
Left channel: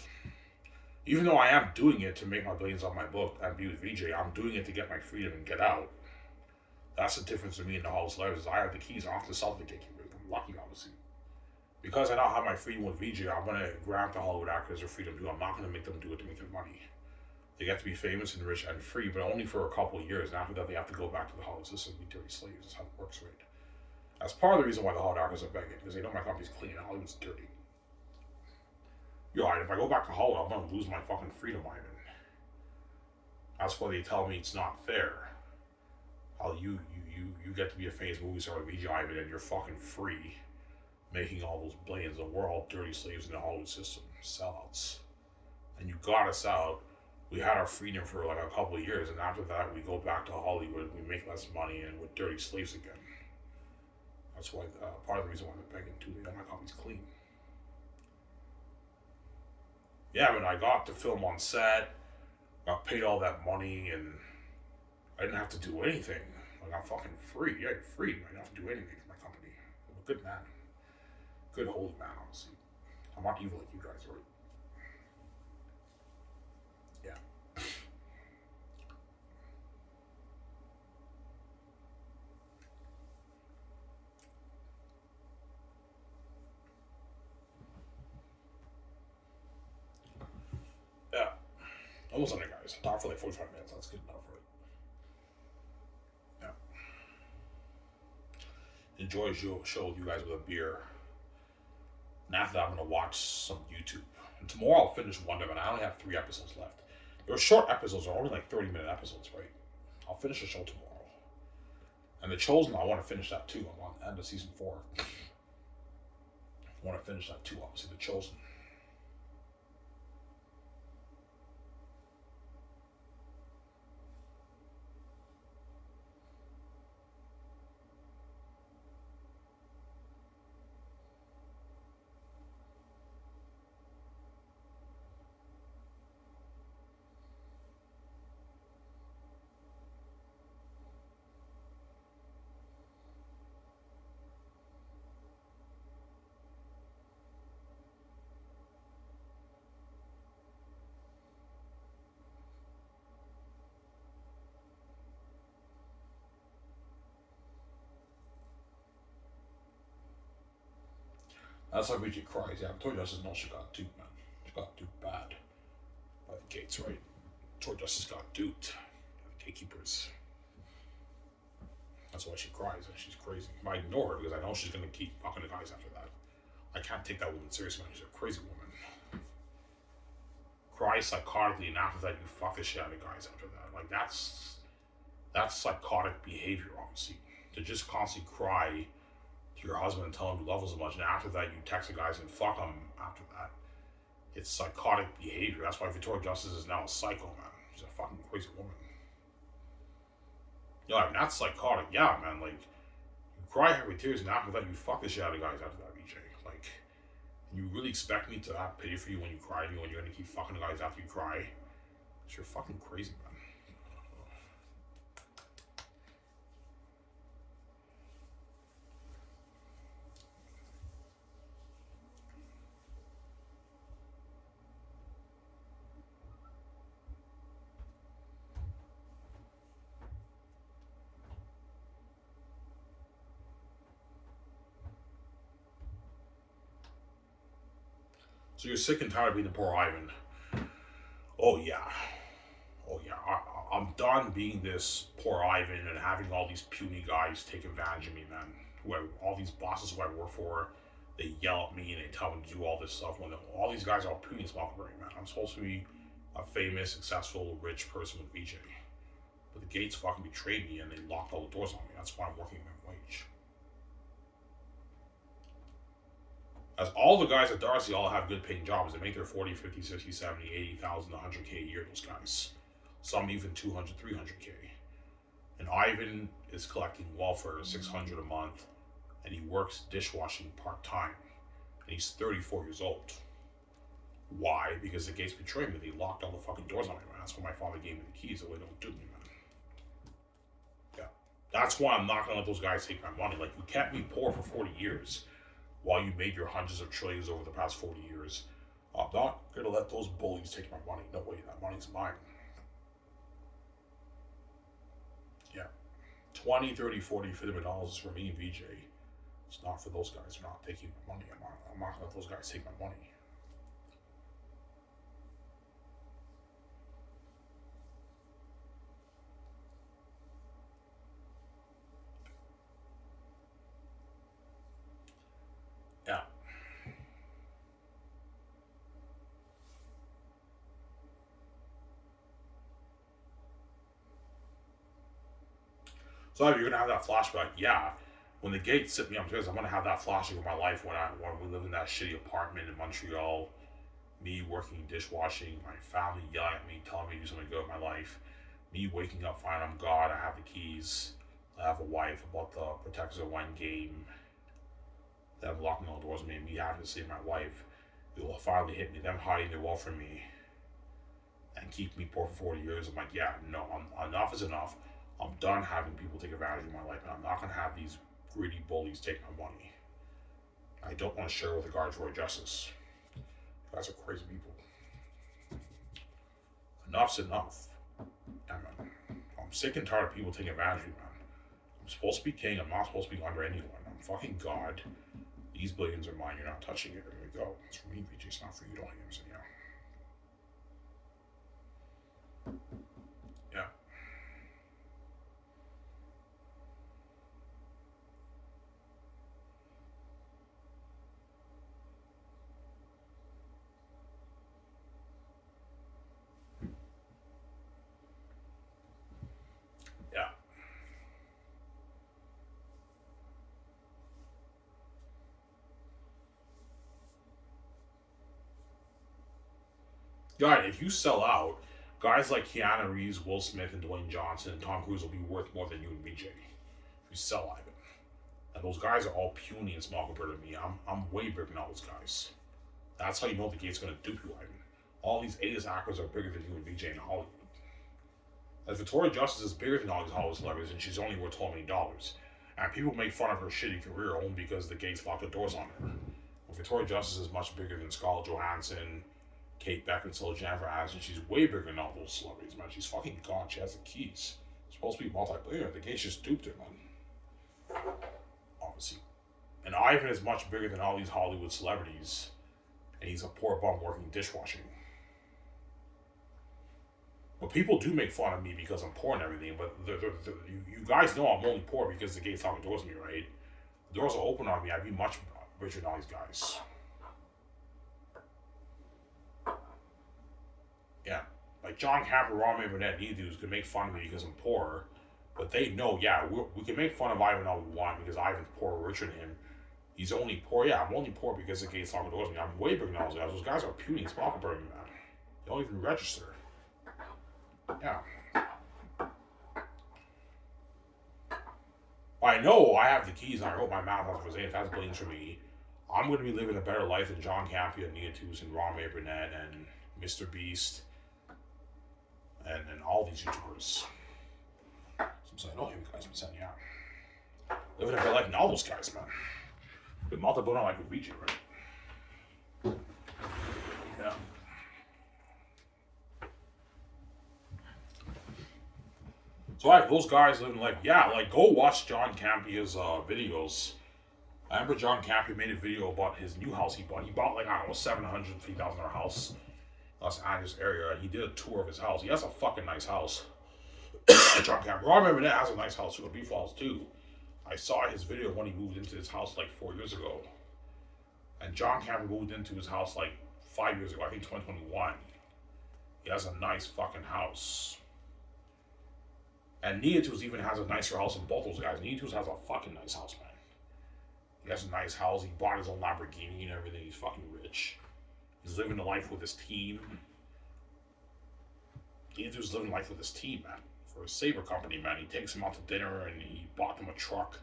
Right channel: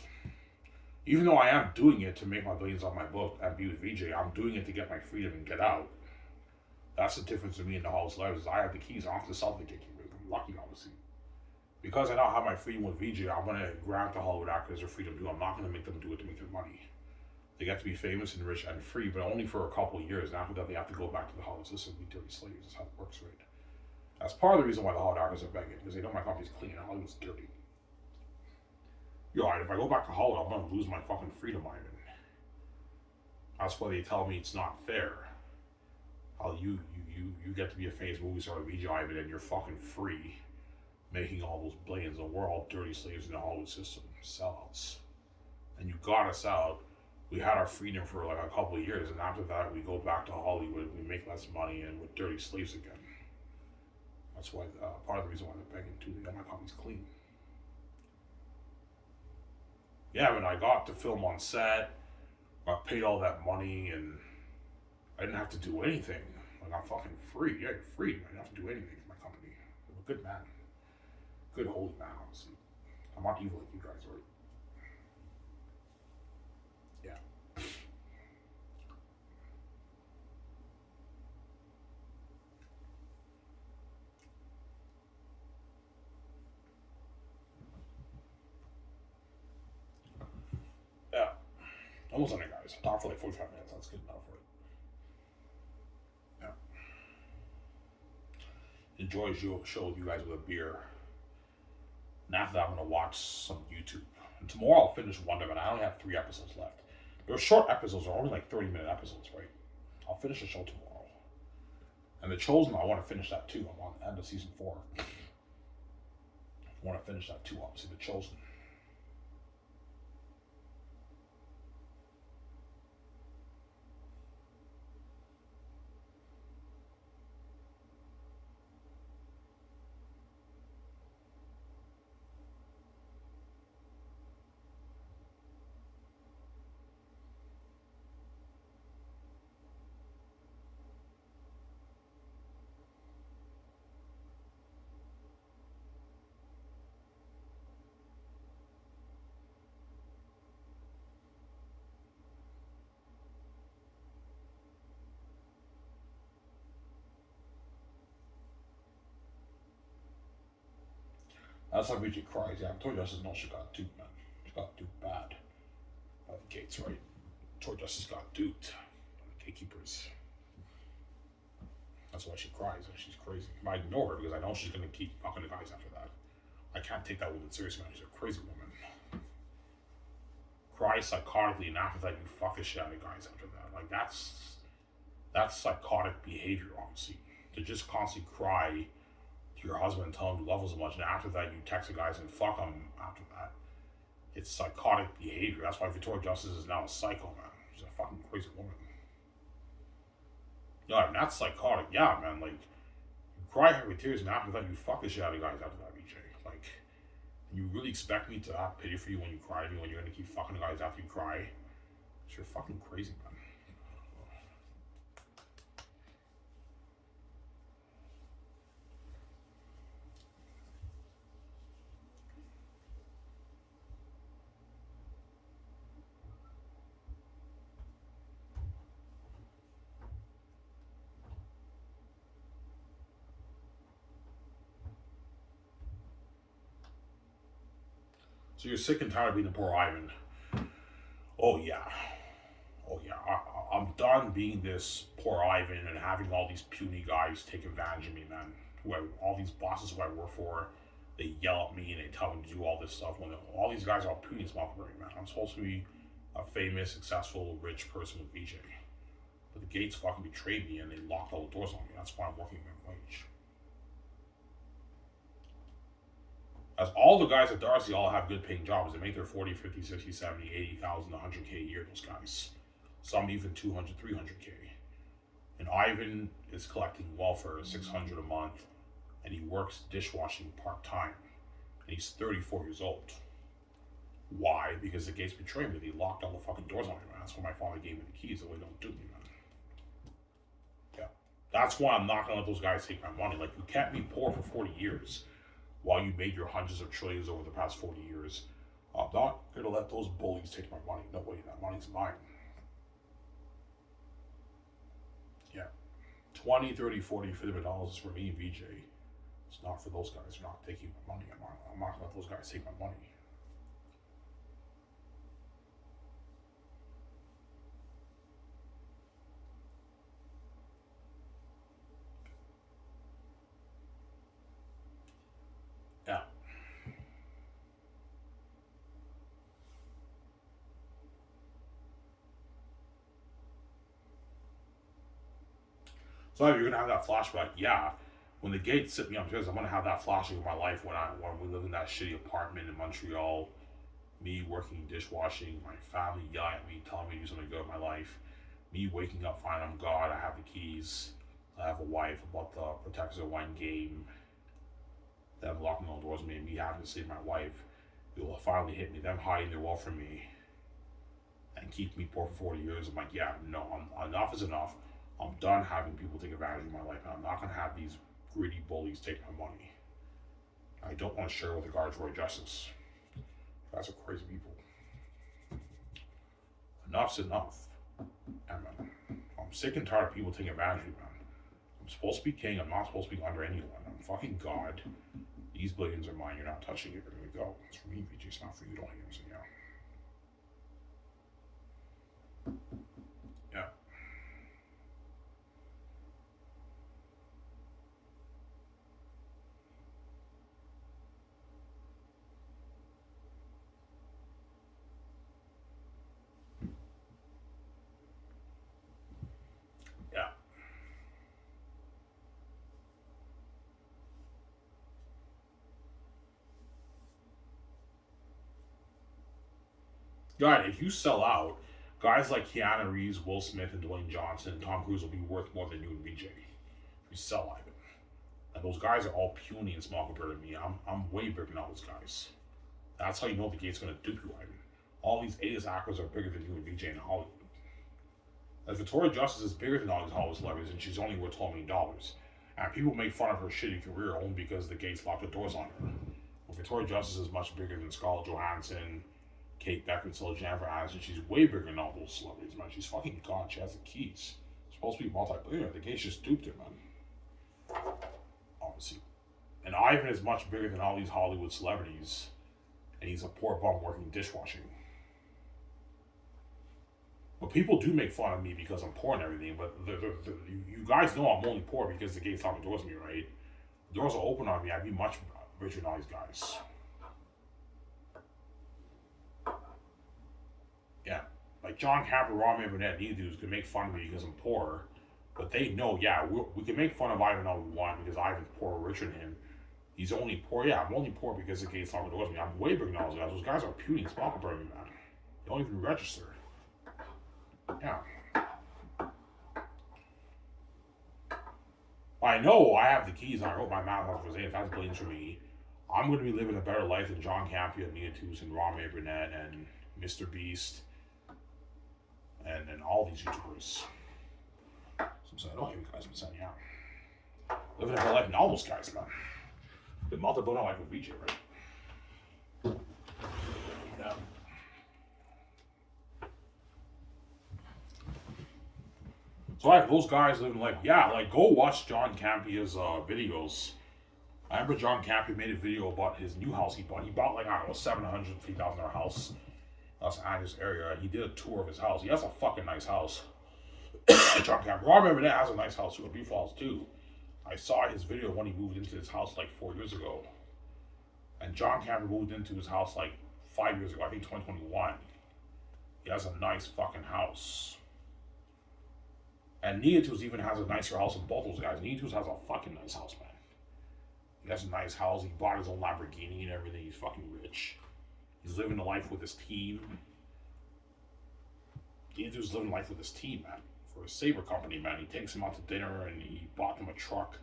Even though I am doing it to make my billions on my book and be with VJ, I'm doing it to get my freedom and get out. That's the difference between me and the Hollywood celebrities. I have the keys. I don't have to sell the gatekeeper. I'm lucky, obviously. Because I now have my freedom with VJ, I'm going to grant the Hollywood actors their freedom too. I'm not going to make them do it to make their money. They get to be famous and rich and free, but only for a couple of years. And after that, they have to go back to the Hollywood system and be dirty slaves. That's how it works, right? That's part of the reason why the Hollywood actors are begging, because they know my company's clean and Hollywood's dirty. Yo, if I go back to Hollywood, I'm going to lose my fucking freedom, Ivan. That's why they tell me it's not fair. How you get to be a famous movie star with VJ Ivan and you're fucking free, making all those billions, and we're all dirty slaves in the Hollywood system, sellouts. And you got us out. We had our freedom for like a couple of years, and after that, we go back to Hollywood. We make less money, and we're dirty slaves again. That's why part of the reason why they're begging too. They got my company's clean. Yeah, when I got to film on set, I paid all that money, and I didn't have to do anything. Like, I'm fucking free. Yeah, you're free. I didn't have to do anything for my company. I'm a good man. Good holy man, honestly. I'm not evil like you guys, right? Yeah. Yeah. Almost on it, guys. I talked for like 45 minutes. That's good enough, right? Yeah. Enjoy a show with you guys with a beer. And after that, I'm going to watch some YouTube. And tomorrow I'll finish Wonder Man. I only have 3 episodes left. They're short episodes. They're only like 30-minute episodes, right? I'll finish the show tomorrow. And The Chosen, I want to finish that too. I'm on the end of season 4. I want to finish that too, obviously. The Chosen. That's how Vijay cries. Yeah, Victoria Justice knows she got duped, man. She got duped bad by the gates, right? Victoria Justice got duped by the gatekeepers. That's why she cries, and she's crazy. I ignore her because I know she's gonna keep fucking the guys after that. I can't take that woman seriously, man. She's a crazy woman. Cry psychotically, and after that, you fuck the shit out of guys after that. Like that's psychotic behavior, honestly. To just constantly cry to your husband and tell him you love him so much, and after that, you text the guys and fuck them after that. It's psychotic behavior. That's why Victoria Justice is now a psycho, man. She's a fucking crazy woman. Yeah, I mean, that's psychotic. Yeah, man. Like, you cry every tears, and after that, you fuck the shit out of guys after that, BJ. Like, you really expect me to have pity for you when you cry, when you're gonna keep fucking the guys after you cry? You're fucking crazy, man. So you're sick and tired of being the poor Ivan. Oh yeah. Oh yeah. I'm done being this poor Ivan and having all these puny guys take advantage of me, man. All these bosses who I work for, they yell at me and they tell me to do all this stuff when all these guys are puny as Malcolm, man. I'm supposed to be a famous, successful, rich person with VJ. But the gates fucking betrayed me and they locked all the doors on me. That's why I'm working minimum wage. As all the guys at Darcy all have good paying jobs. They make their 40, 50, 60, 70, 80,000, 100K a year, those guys. Some even 200, 300K. And Ivan is collecting welfare, 600 a month, and he works dishwashing part-time. And he's 34 years old. Why? Because the gates betrayed me. They locked all the fucking doors on me, man. That's why my father gave me the keys, so they don't do me, man. Yeah. That's why I'm not gonna let those guys take my money. Like, you kept me poor for 40 years. While you made your hundreds of trillions over the past 40 years, I'm not going to let those bullies take my money. No way, that money's mine. Yeah. 20, 30, 40, $50 is for me and VJ. It's not for those guys. They're not taking my money. I'm not going to let those guys take my money. Yeah. So if you're gonna have that flashback, yeah. When the gates sit me upstairs, I'm gonna have that flashback of my life when we lived in that shitty apartment in Montreal, me working dishwashing, my family yelling at me, telling me to do something good in my life, me waking up, finding I'm God, I have the keys, I have a wife, about the Protectors of Wine game, them locking all the doors on me, and me having to save my wife. It will finally hit me, them hiding their wealth from me and keep me poor for 40 years. I'm like, yeah, no, enough is enough. I'm done having people take advantage of my life, and I'm not going to have these greedy bullies take my money. I don't want to share with the guards for justice. You guys are crazy people. Enough's enough. And I'm sick and tired of people taking advantage of me, man. I'm supposed to be king. I'm not supposed to be under anyone. I'm fucking God. These billions are mine. You're not touching it. There we go. It's for me, VJ. It's not for you. Don't hear me say yeah. Yeah. Yeah. God, if you sell out, guys like Keanu Reeves, Will Smith, and Dwayne Johnson and Tom Cruise will be worth more than you and VJ. If you sell Ivan. And those guys are all puny and small compared to me. I'm way bigger than all those guys. That's how you know the gate's gonna dupe you, Ivan. All these A-list actors are bigger than you and VJ in Hollywood. As Victoria Justice is bigger than all these Hollywood celebrities, and she's only worth $12 million. And people make fun of her shitty career only because the gates locked the doors on her. Well, Victoria Justice is much bigger than Scarlett Johansson, Kate Beckinsale, Jennifer Aniston. She's way bigger than all those celebrities, man. She's fucking God. She has the keys. She's supposed to be multi-billionaire. The gates just duped her, man. Obviously. And And Ivan is much bigger than all these Hollywood celebrities, and he's a poor bum working dishwashing. But people do make fun of me because I'm poor and everything, but you guys know I'm only poor because the gates lock the doors on me, right? The doors are open on me, I'd be much richer than all these guys. Yeah. Like John Capper, Ron and Burnett, these dudes can make fun of me because I'm poor, but they know, yeah, we can make fun of Ivan all we want because Ivan's poor or richer than him. He's only poor, yeah, I'm only poor because the gates lock the doors on me. I'm way bigger than all those guys. Those guys are puny small compared to me, man. They don't even register. Yeah. I know I have the keys and I wrote my mouth out for Zane. That's blames for me. I'm going to be living a better life than John Campia, Nia Toots, and Ron Burnett, and Mr. Beast, and all these YouTubers. So I'm saying, oh, hey, guys, I'm saying, yeah. Living a better life than all those guys, man. Good multiple like with VJ, right? Yeah. So like those guys living like, yeah, like go watch John Campia's videos. I remember John Campia made a video about his new house he bought. He bought like, I don't know, $750,000 house, Los Angeles area. He did a tour of his house. He has a fucking nice house. John Campia. I remember that has a nice house too, a beautiful house too. I saw his video when he moved into his house like 4 years ago. And John Campia moved into his house like 5 years ago, I think 2021. He has a nice fucking house. And Nietus even has a nicer house than both those guys. Nietus has a fucking nice house, man. He has a nice house. He bought his own Lamborghini and everything. He's fucking rich. He's living the life with his team. Nietus is living life with his team, man. For his Sabre company, man. He takes them out to dinner and he bought them a truck.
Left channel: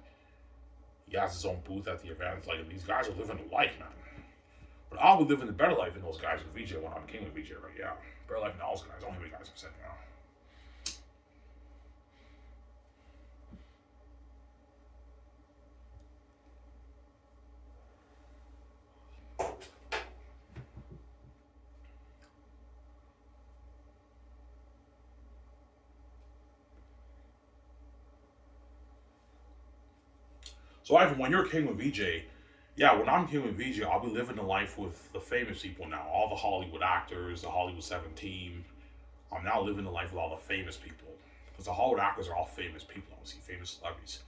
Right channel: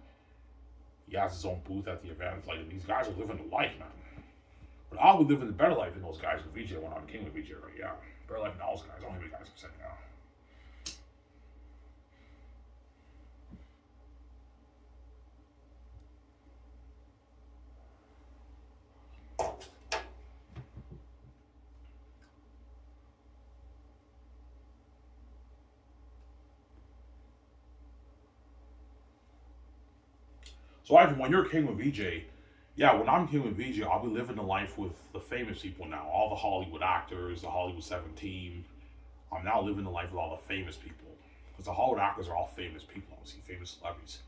He has his own booth at the event. Like, these guys are living the life, man. But I'll be living the better life than those guys with VJ when I became with VJ, right? Yeah. Better life than all those guys. Only the guys I'm saying now. So Ivan, when you're king with VJ, yeah, when I'm king with VJ, I'll be living the life with the famous people now. All the Hollywood actors, the Hollywood 7 team. I'm now living the life with all the famous people. Because the Hollywood actors are all famous people, obviously, famous celebrities.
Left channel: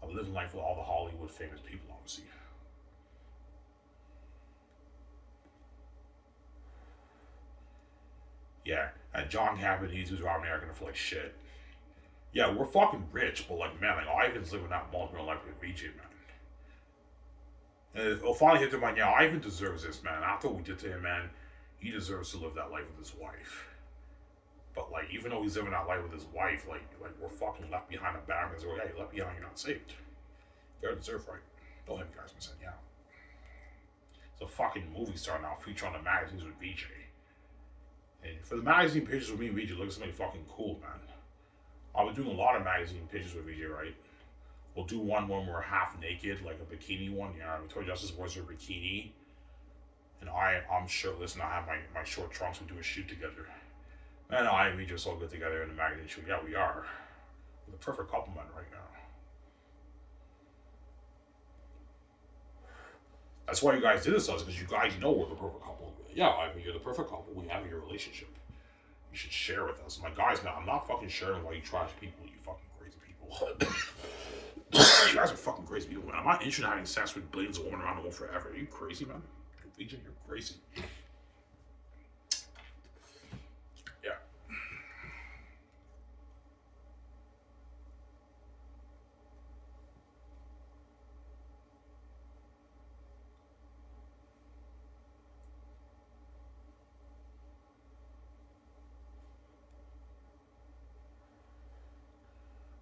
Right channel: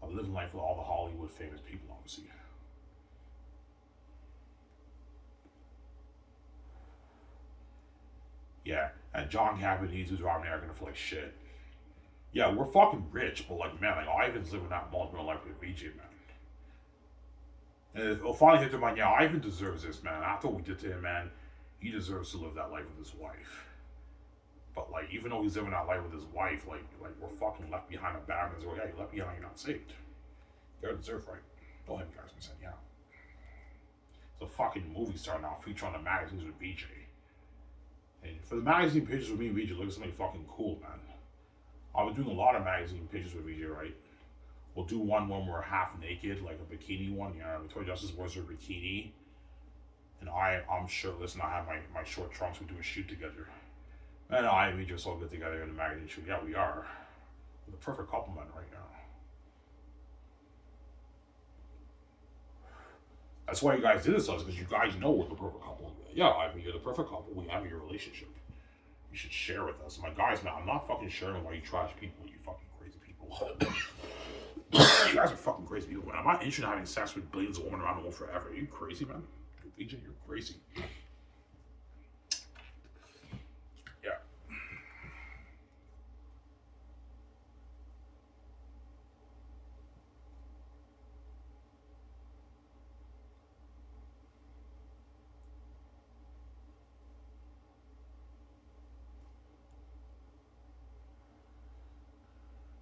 I'm living life with all the Hollywood famous people, obviously. Yeah, and John Cavanese, who's around there, are gonna feel like shit. Yeah, we're fucking rich, but like, man, like Ivan's living that multiple life with VJ, man. And it'll finally hit to mind, yeah, Ivan deserves this, man. After what we did to him, man, he deserves to live that life with his wife. But like, even though he's living that life with his wife, like we're fucking left behind a bag. Yeah, you're left behind, you're not saved. You gotta deserve right. Don't have you guys been saying, yeah. It's a fucking movie star now, featuring on the magazines with VJ. And for the magazine pictures with me and VJ, look at something fucking cool, man. I've been doing a lot of magazine pictures with VJ, right? We'll do one when we're half naked, like a bikini one. Yeah, Victoria Justice wears her bikini. And I'm shirtless and I have my short trunks. We do a shoot together. And I and VJ are so good together in the magazine shoot. Yeah, we are. We're the perfect couple, man, right now. That's why you guys did this to us, because you guys know we're the perfect couple. Yeah, I mean, you're the perfect couple. We have your relationship. You should share with us. My guys, man, I'm not fucking sharing why you trash people, you fucking crazy people. You guys are fucking crazy people, man. I'm not interested in having sex with billions of women around the world forever. Are you crazy, man? VJ, you're crazy. Yeah.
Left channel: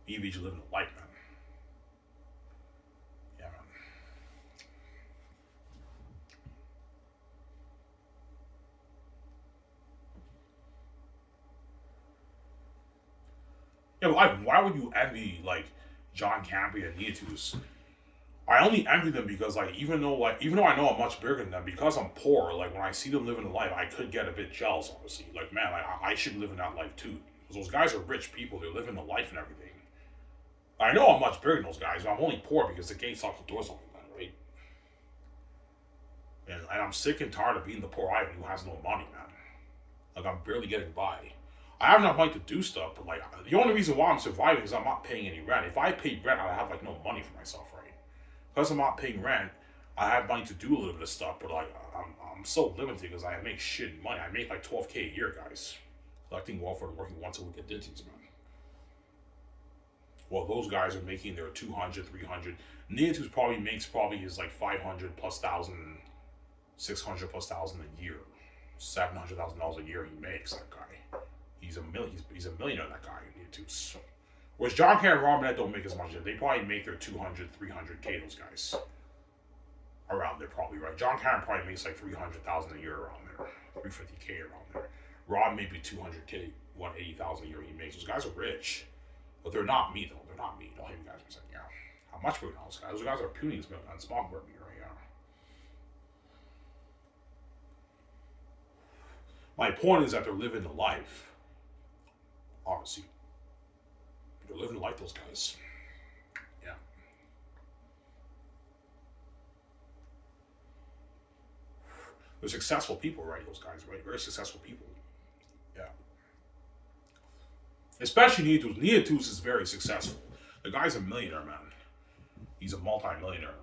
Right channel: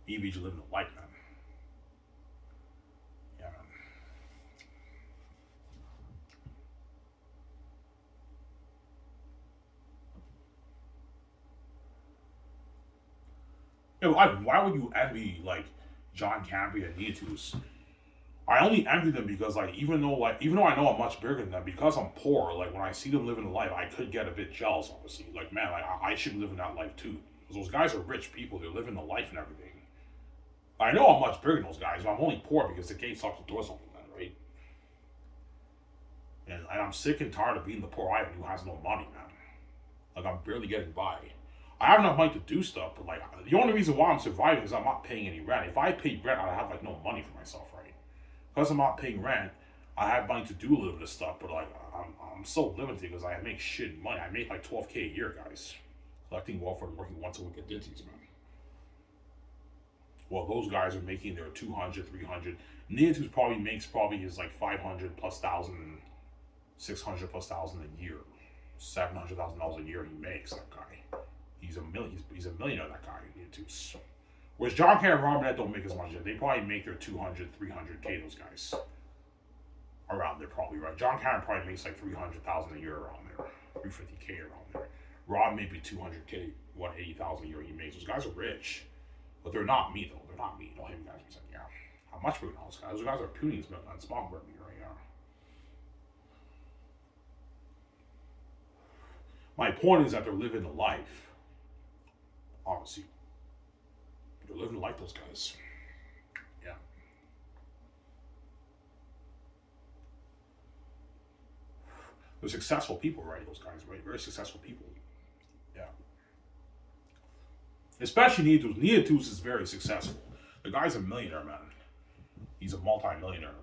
VJ living a life, man. Yeah, man. Yeah, but why would you envy like John Campia and Nietus? I only envy them because like even though I know I'm much bigger than them, because I'm poor, like when I see them living a life, I could get a bit jealous, obviously. Like, man, I should live in that life too. Because those guys are rich people, they're living a life and everything. I know I'm much bigger than those guys, but I'm only poor because the gates lock the doors open, man, right? And I'm sick and tired of being the poor Ivan who has no money, man. Like, I'm barely getting by. I have enough money to do stuff, but like, the only reason why I'm surviving is I'm not paying any rent. If I paid rent, I'd have like no money for myself, right? Because I'm not paying rent, I have money to do a little bit of stuff, but like, I'm so limited because I make shit money. I make like $12K a year, guys. Collecting welfare and working once a week at Disney's, man. Well, those guys are making their 200, 300. Neatu's probably makes his like 500 plus thousand, 600 plus thousand a year, $700,000 a year he makes. That guy, he's a millionaire. That guy, Neatu's. Whereas John Kerr and Robinette don't make as much. They probably make their 200, 300K. Those guys around there, probably, right? John Kerr probably makes like 300,000 a year around there, 350K around there. Rob maybe 200K, 180,000 a year he makes. Those guys are rich. But they're not me, though. They're not me. Don't hear you guys saying, yeah. How much for those guys? Those guys are puny on small for me right now. My point is that they're living the life. Obviously. They're living the life, those guys. Yeah. They're successful people, right? Those guys, right? Very successful people. Yeah. Especially Neatu's. Neatu's is very successful. The guy's a millionaire, man. He's a multi-millionaire.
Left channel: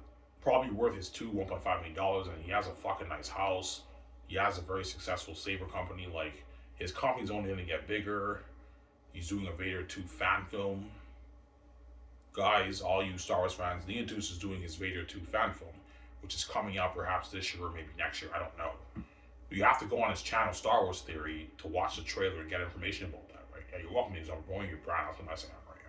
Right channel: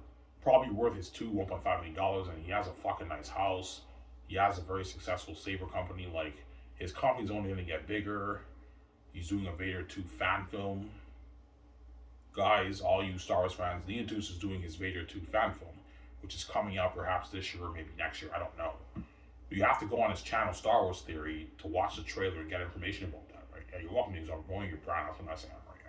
Probably worth his $1.5 million, and he has a fucking nice house. He has a very successful saber company. Like, his company's only going to get bigger. He's doing a Vader 2 fan film. Guys, all you Star Wars fans, Neatu's is doing his Vader 2 fan film, which is coming out perhaps this year or maybe next year. I don't know. But you have to go on his channel, Star Wars Theory, to watch the trailer and get information about that. Yeah, you're welcome to use. I'm growing your brand. That's what I'm saying right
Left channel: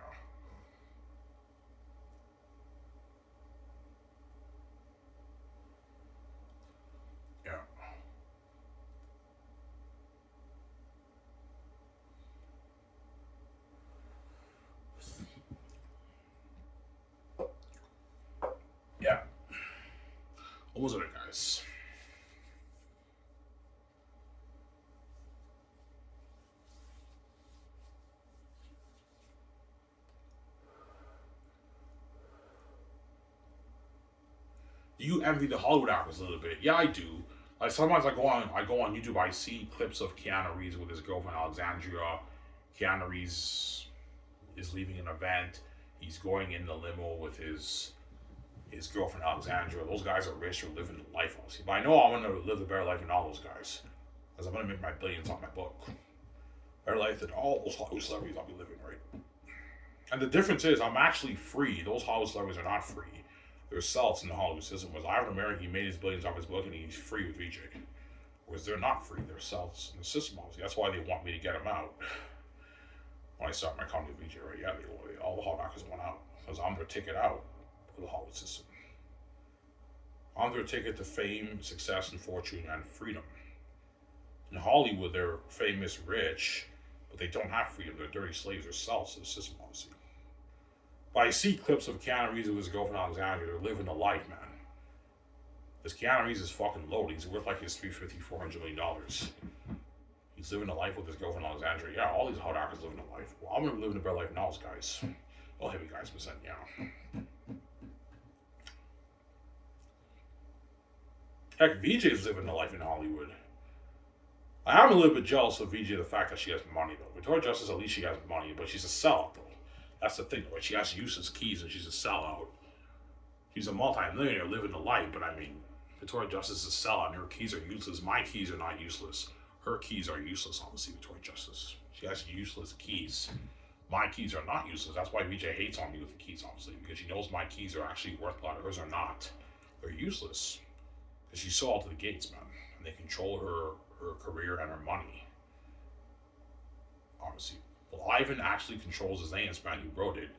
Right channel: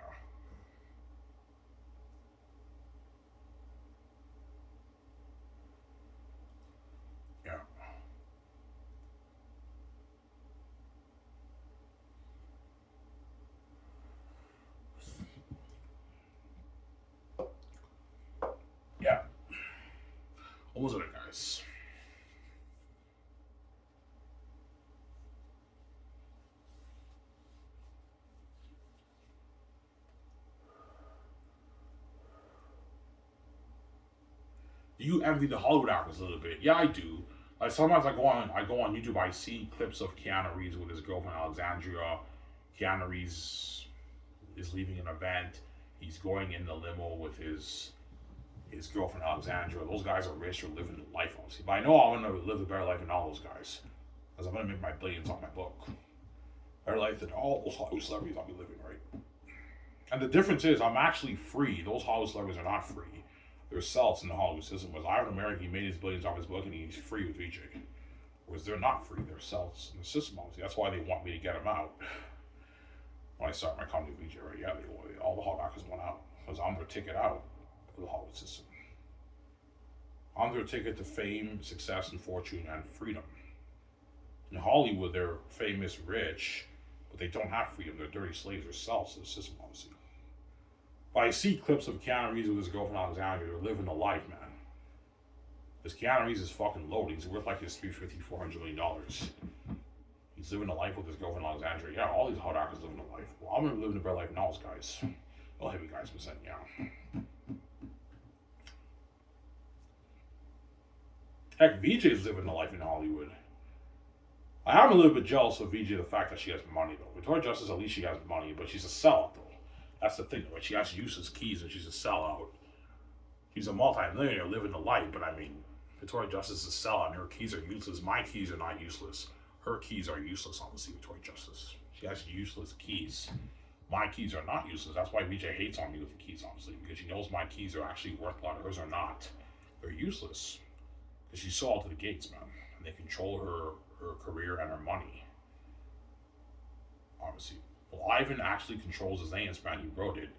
now. Yeah. Yeah. What was it, guys? Do you envy the Hollywood actors a little bit? Yeah, I do. Like, sometimes I go on YouTube, I see clips of Keanu Reeves with his girlfriend Alexandria. Keanu Reeves is leaving an event. He's going in the limo with his girlfriend Alexandria. Those guys are rich, they're living the life, obviously. But I know I'm gonna live a better life than all those guys, because I'm gonna make my billions off my book. Better life than all those Hollywood celebrities I'll be living, right? And the difference is I'm actually free. Those Hollywood celebrities are not free. They're cells in the Hollywood system. Whereas Ivan American, he made his billions off his book and he's free with VJ. Whereas they're not free. They're cells in the system, obviously. That's why they want me to get them out. When I start my company with VJ, right? Yeah, all the Hollywood actors went out. Because I'm their ticket out of the Hollywood system. I'm their ticket to fame, success, and fortune, and freedom. In Hollywood, they're famous, rich, but they don't have freedom. They're dirty slaves. They're cells in the system, obviously. But I see clips of Keanu Reeves with his girlfriend Alexandria. They're living the life, man. This Keanu Reeves is fucking loaded. He's worth like his $350, $400 million. He's living a life with his girlfriend Alexandria. Yeah, all these hot actors living a life. Well, I'm gonna live in a better life than all those guys. Well, heavy guys, percent, yeah. Heck, VJ's living a life in Hollywood. I am a little bit jealous of VJ, the fact that she has money, though. Victoria Justice, at least she has money, but she's a sellout, though. That's the thing, right? She has useless keys and she's a sellout. She's a multi-millionaire living the life, but I mean, Victoria Justice is a sellout and her keys are useless. My keys are not useless. Her keys are useless, obviously, Victoria Justice. She has useless keys. My keys are not useless. That's why VJ hates on me with the keys, obviously, because she knows my keys are actually worth a lot. Hers are not. They're useless. Because she's so out to the gates, man. And they control her career and her money. Obviously. Well, Ivan actually controls his name, man. He wrote it.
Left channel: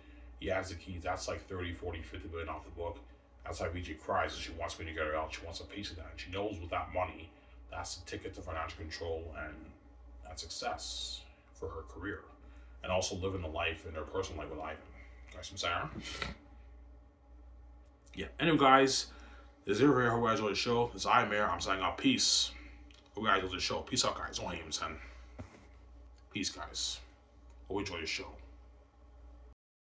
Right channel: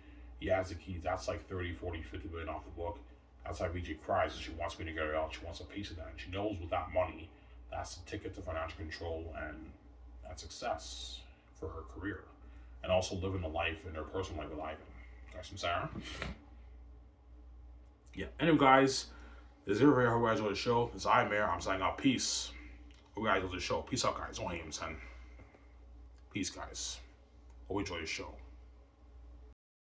He has the keys. That's like 30, 40, 50 billion off the book. That's why VJ cries, and she wants me to get her out. She wants a piece of that. And she knows with that money, that's the ticket to financial control and that success for her career. And also living a life in her personal life with Ivan. Guys from Sarah. Yeah. Anyway, guys, this is everybody. I hope you guys enjoyed the show. This is I, Mayor. I'm signing out. Peace. Hope you guys enjoyed the show. Peace out, guys. Don't hate him, son. Peace, guys. Hope you enjoy the show.